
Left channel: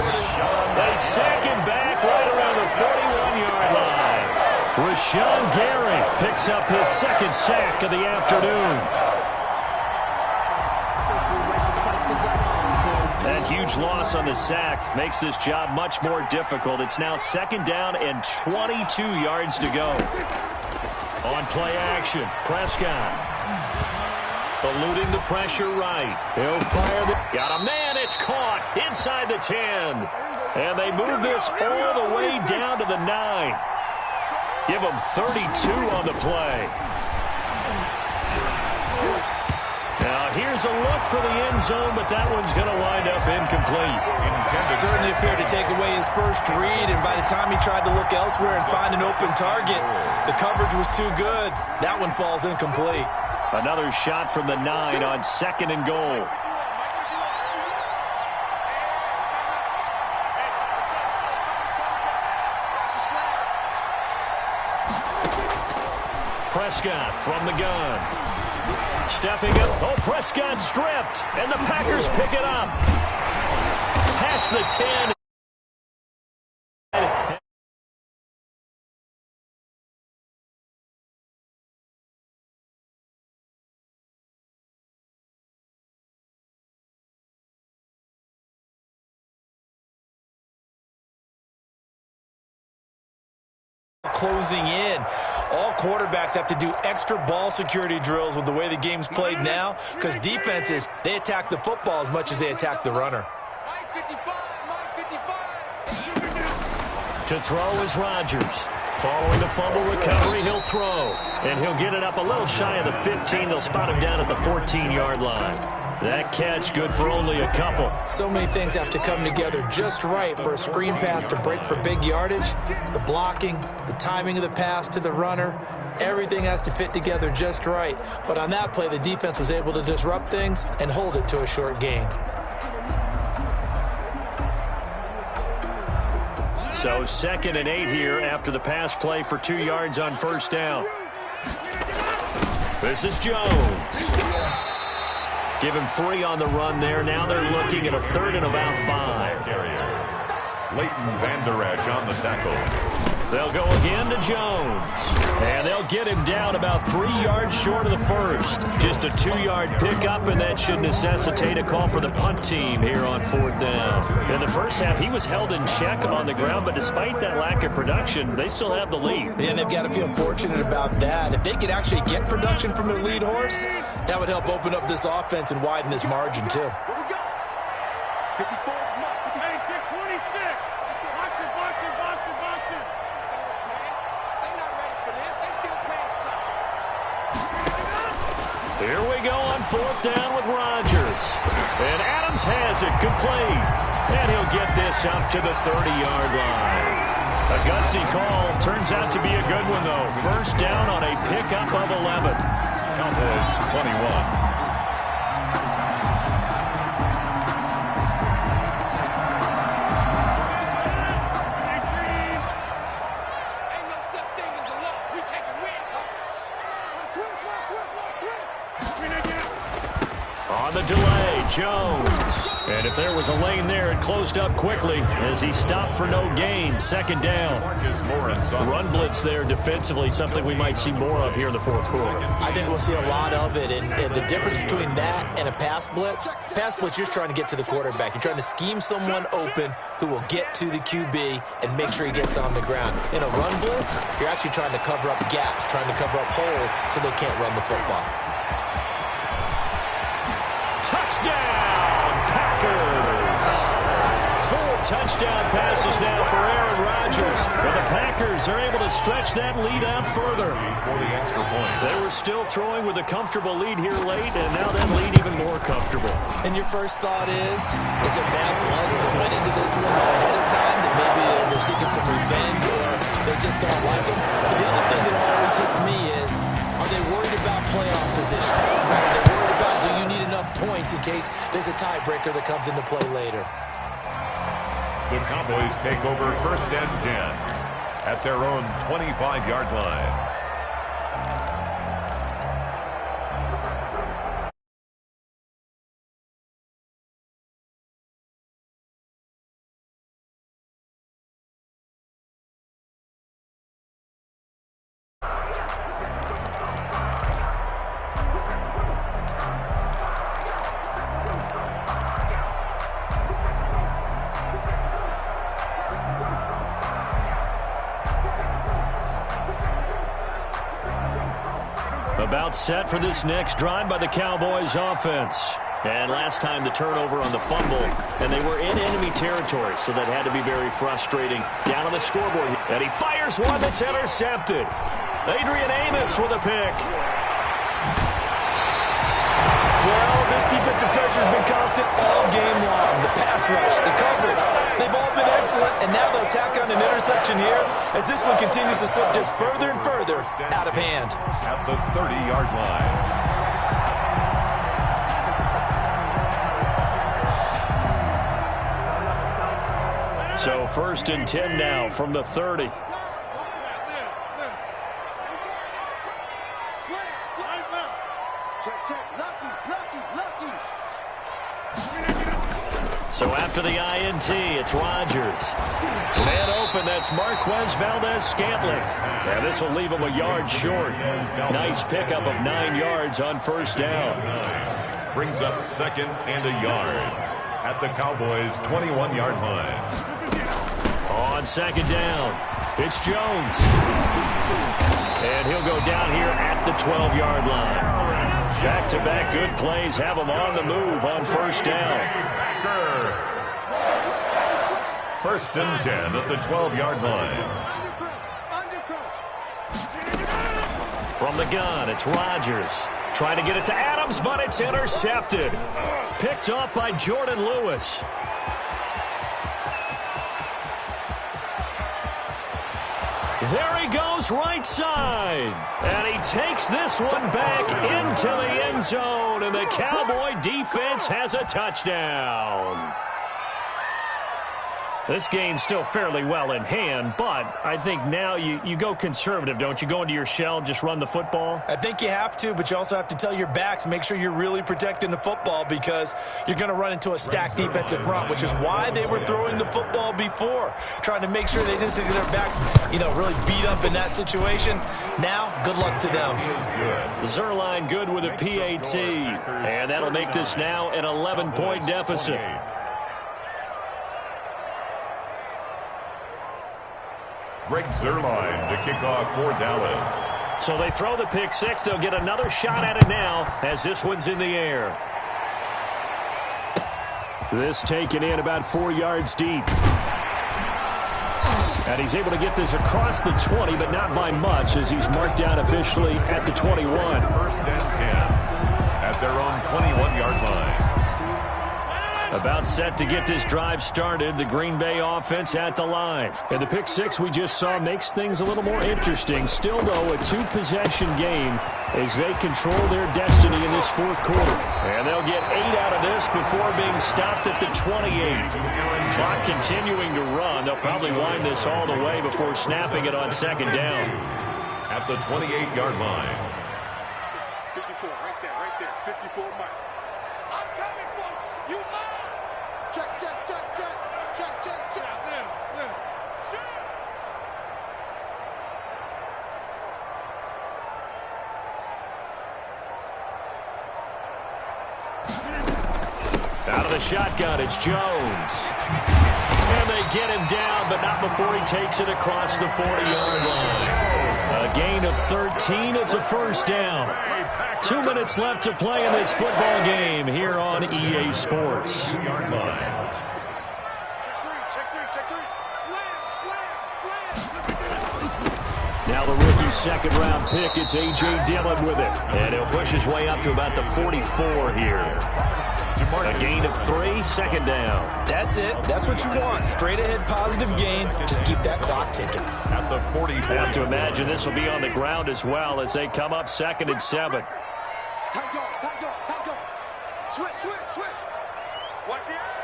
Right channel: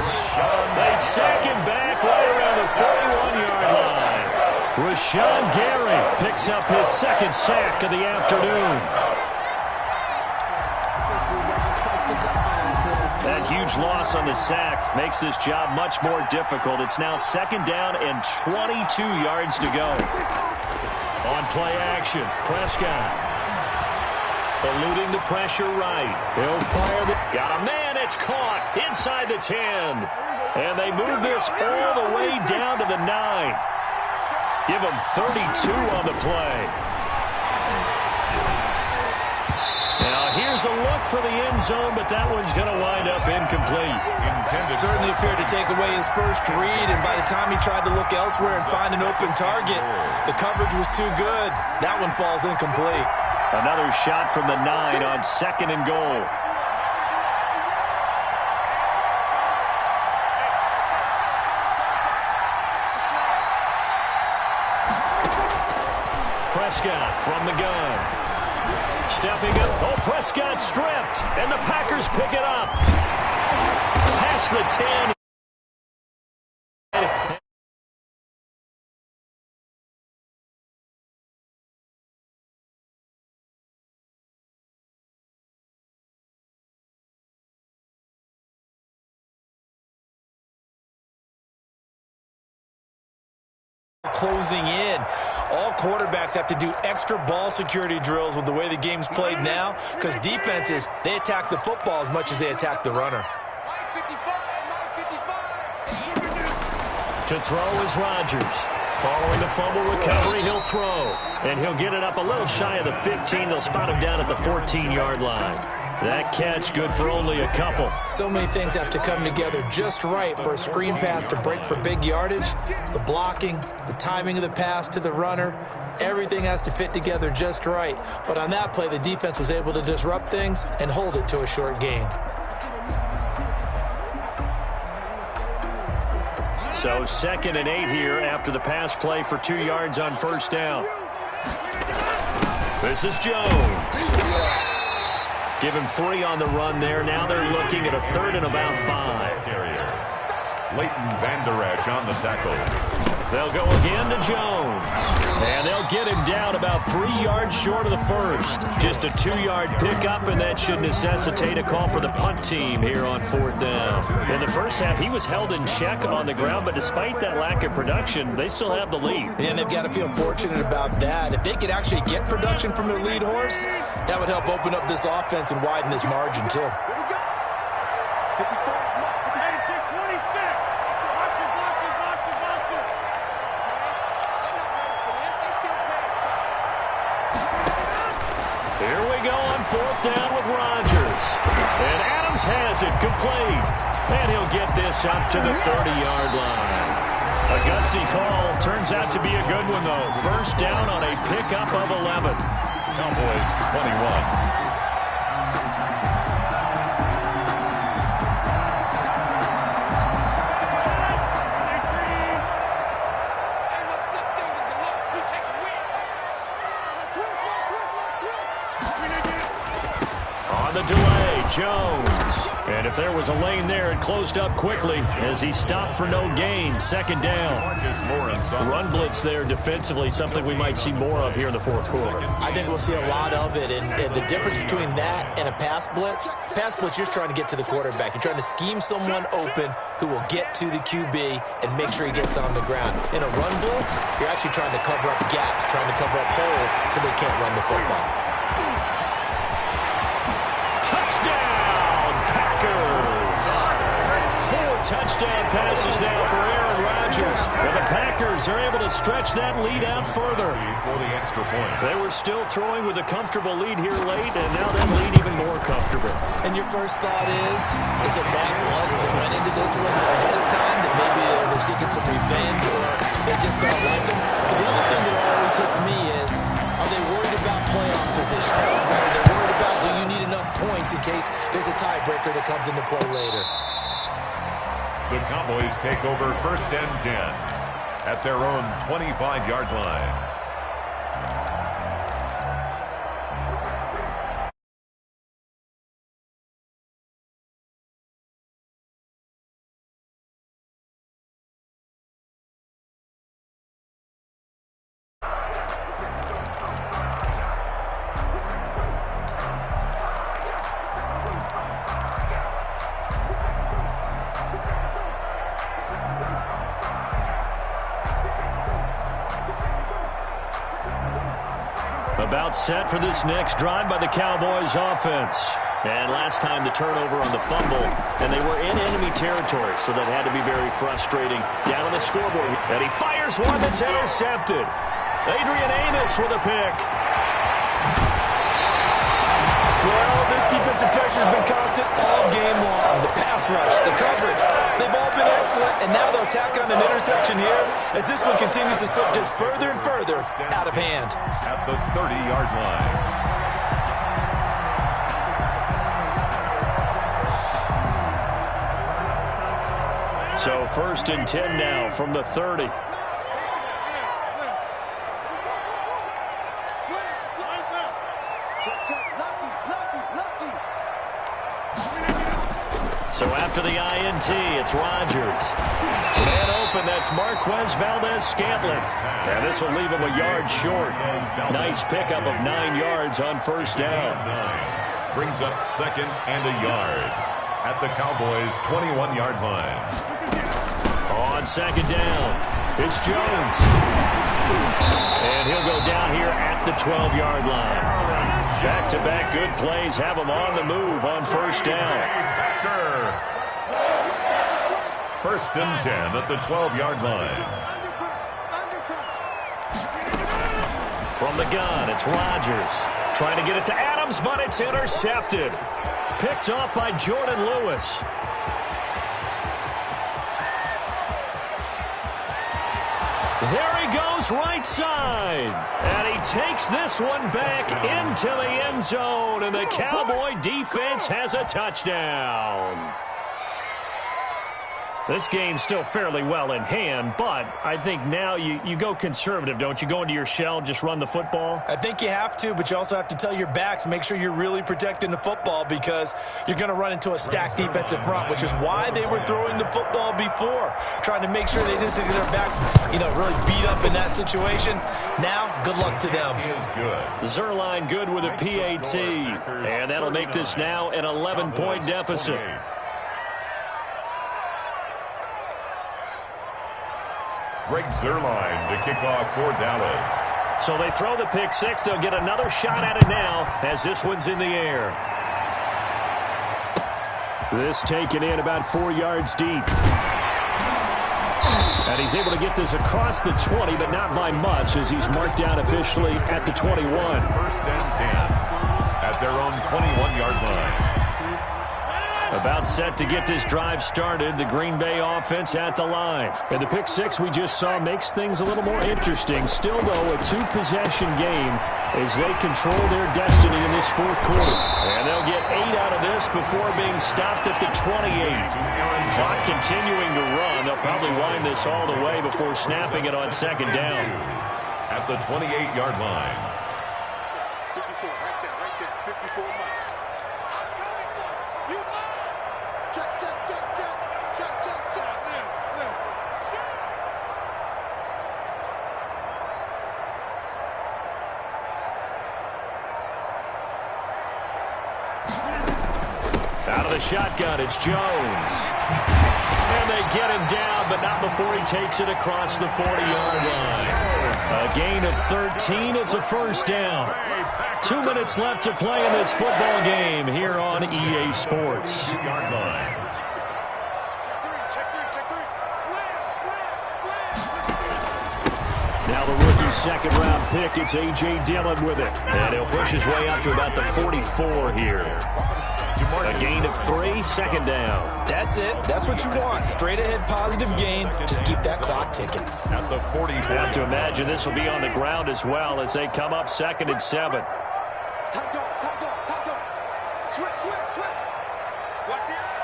They sack him back right around the 41-yard line. Rashawn Gary picks up his 2nd sack of the afternoon. That huge loss on the sack makes this job much more difficult. It's now 2nd down and 22 yards to go. On play action, Prescott. Eluding the pressure right. He'll fire the... Got a man, it's caught inside the 10. And they move this all the way down to the 9. Give them 32 on the play. Now, here's a look for the end zone, but that one's going to wind up incomplete. Certainly appeared to take away his first read, and by the time he tried to look elsewhere and find an open target, the coverage was too good. That one falls incomplete. Another shot from the 9 on 2nd and goal. Prescott from the gun. Stepping up. Oh, Prescott stripped. And the Packers pick it up. Past the 10. Closing in. All quarterbacks have to do extra ball security drills with the way the game's played now, because defenses, they attack the football as much as they attack the runner. To throw is Rodgers. Following the fumble recovery, he'll throw. And he'll get it up a little shy of the 15. They'll spot him down at the 14-yard line. That catch good for only a couple. So many things have to come together just right for a screen pass to break for big yardage. The blocking, the timing of the pass to the runner, everything has to fit together just right. But on that play, the defense was able to disrupt things and hold it to a short gain. So 2nd and 8 here after the pass play for 2 yards on first down. This is Jones. Give him 3 on the run there. Now they're looking at a 3rd and about 5. Leighton Vander Esch on the tackle. They'll go again to Jones. And they'll get him down about 3 yards short of the first. Just a 2-yard pickup, and that should necessitate a call for the punt team here on 4th down. In the first half, he was held in check on the ground, but despite that lack of production, they still have the lead. And they've got to feel fortunate about that. If they could actually get production from their lead horse, that would help open up this offense and widen this margin, too. 54. Hey, 26. Boxer. They're not ready for this. They still playing solid. Here we go on 4th down with Rodgers. And Adams has it complete. And he'll get this up to the 30-yard line. A gutsy call. Turns out to be a good one, though. First down on a pickup of 11. Cowboys 21. On the delay, Jones. And if there was a lane there, it closed up quickly as he stopped for no gain. 2nd down. Run blitz there defensively, something we might see more of here in the 4th quarter. I think we'll see a lot of it. And the difference between that and a pass blitz, you're just trying to get to the quarterback. You're trying to scheme someone open who will get to the QB and make sure he gets on the ground. In a run blitz, you're actually trying to cover up gaps, trying to cover up holes so they can't run the football. Touchdown, Packers! 4 touchdown passes now for Aaron Rodgers. And the Packers are able to stretch that lead out further. For the extra point. They were still throwing with a comfortable lead here late, and now that lead even more comfortable. And your first thought is it bad blood that went into this one ahead of time, that maybe they're seeking some revenge or they just don't like him? But the other thing that always hits me is, are they worried about playoff position? Are they worried about, do you need enough points in case there's a tiebreaker that comes into play later? The Cowboys take over 1st and 10 at their own 25-yard line. About set for this next drive by the Cowboys offense. And last time the turnover on the fumble, and they were in enemy territory, so that had to be very frustrating. Down on the scoreboard, and he fires one that's intercepted. Adrian Amos with a pick. Well, this defensive pressure has been constant all game long. The pass rush, the coverage, they've all been excellent, and now they'll tack on an interception here as this one continues to slip just further and further out of hand. At the 30-yard line. So 1st and 10 now from the 30. So after the INT, it's Rodgers. Man open, that's Marquez Valdez-Scantling. And this will leave him a yard short. Nice pickup of 9 yards on first down. Brings up 2nd and a yard at the Cowboys' 21-yard line. On 2nd down, It's Jones. And he'll go down here at the 12-yard line. Back-to-back good plays have him on the move on first down. First and 10 at the 12-yard line. From the gun, it's Rodgers. Trying to get it to Adams, but it's intercepted. Picked off by Jordan Lewis. There he goes right side. And he takes this one back into the end zone. And the Cowboy defense has a touchdown. This game's still fairly well in hand, but I think now you go conservative, don't you? Go into your shell, just run the football? I think you have to, but you also have to tell your backs, make sure you're really protecting the football because you're going to run into a stacked defensive front, which is why they were throwing the football before, trying to make sure they didn't get their backs, really beat up in that situation. Now, good luck to them. Zerline good with a PAT, and that'll make this now an 11-point deficit. Greg Zerline to kick off for Dallas. So they throw the pick six. They'll get another shot at it now as this one's in the air. This taken in about 4 yards deep. And he's able to get this across the 20, but not by much as he's marked down officially at the 21. First and 10 at their own 21-yard line. About set to get this drive started, the Green Bay offense at the line. And the pick six we just saw makes things a little more interesting. Still, though, a two-possession game as they control their destiny in this fourth quarter. And they'll get 8 out of this before being stopped at the 28. Clock continuing to run. They'll probably wind this all the way before snapping it on second down. At the 28-yard line. 54, right there, 54 miles. I'm coming for you. You mine. Check. Live. Shoot. Out of the shotgun, it's Jones. And they get him down, but not before he takes it across the 40-yard line. A gain of 13. It's a first down. 2 minutes left to play in this football game here on EA Sports. Yard line. Check three. Slam. Now the rookie second-round pick, it's A.J. Dillon with it. And he'll push his way up to about the 44 here. A gain of 3, second down. That's it. That's what you want. Straight ahead positive gain. Just keep that clock ticking. At the 44. Have to imagine this will be on the ground as well as they come up 2nd and 7. Time go. Switch. Watch the eye.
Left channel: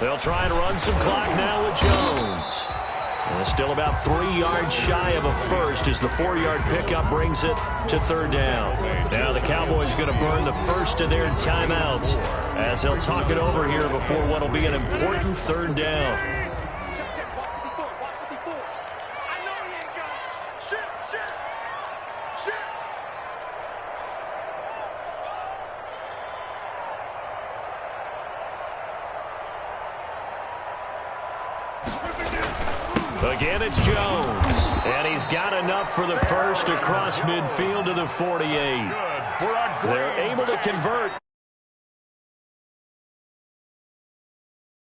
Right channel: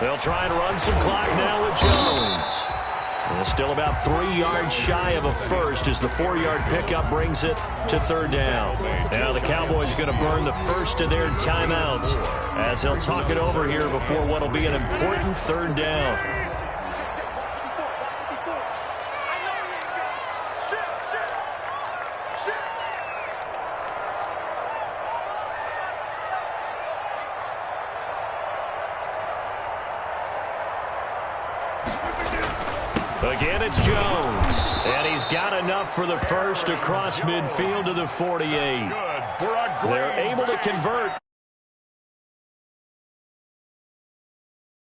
They'll try and run some clock now with Jones. And still about 3 yards shy of a first as the 4-yard pickup brings it to third down. Now the Cowboys going to burn the first of their timeouts as they'll talk it over here before what will be an important third down. Check. Watch 54. I know he ain't got it. Shit. Again, it's Jones. And he's got enough for the first across midfield to the 48. They're able to convert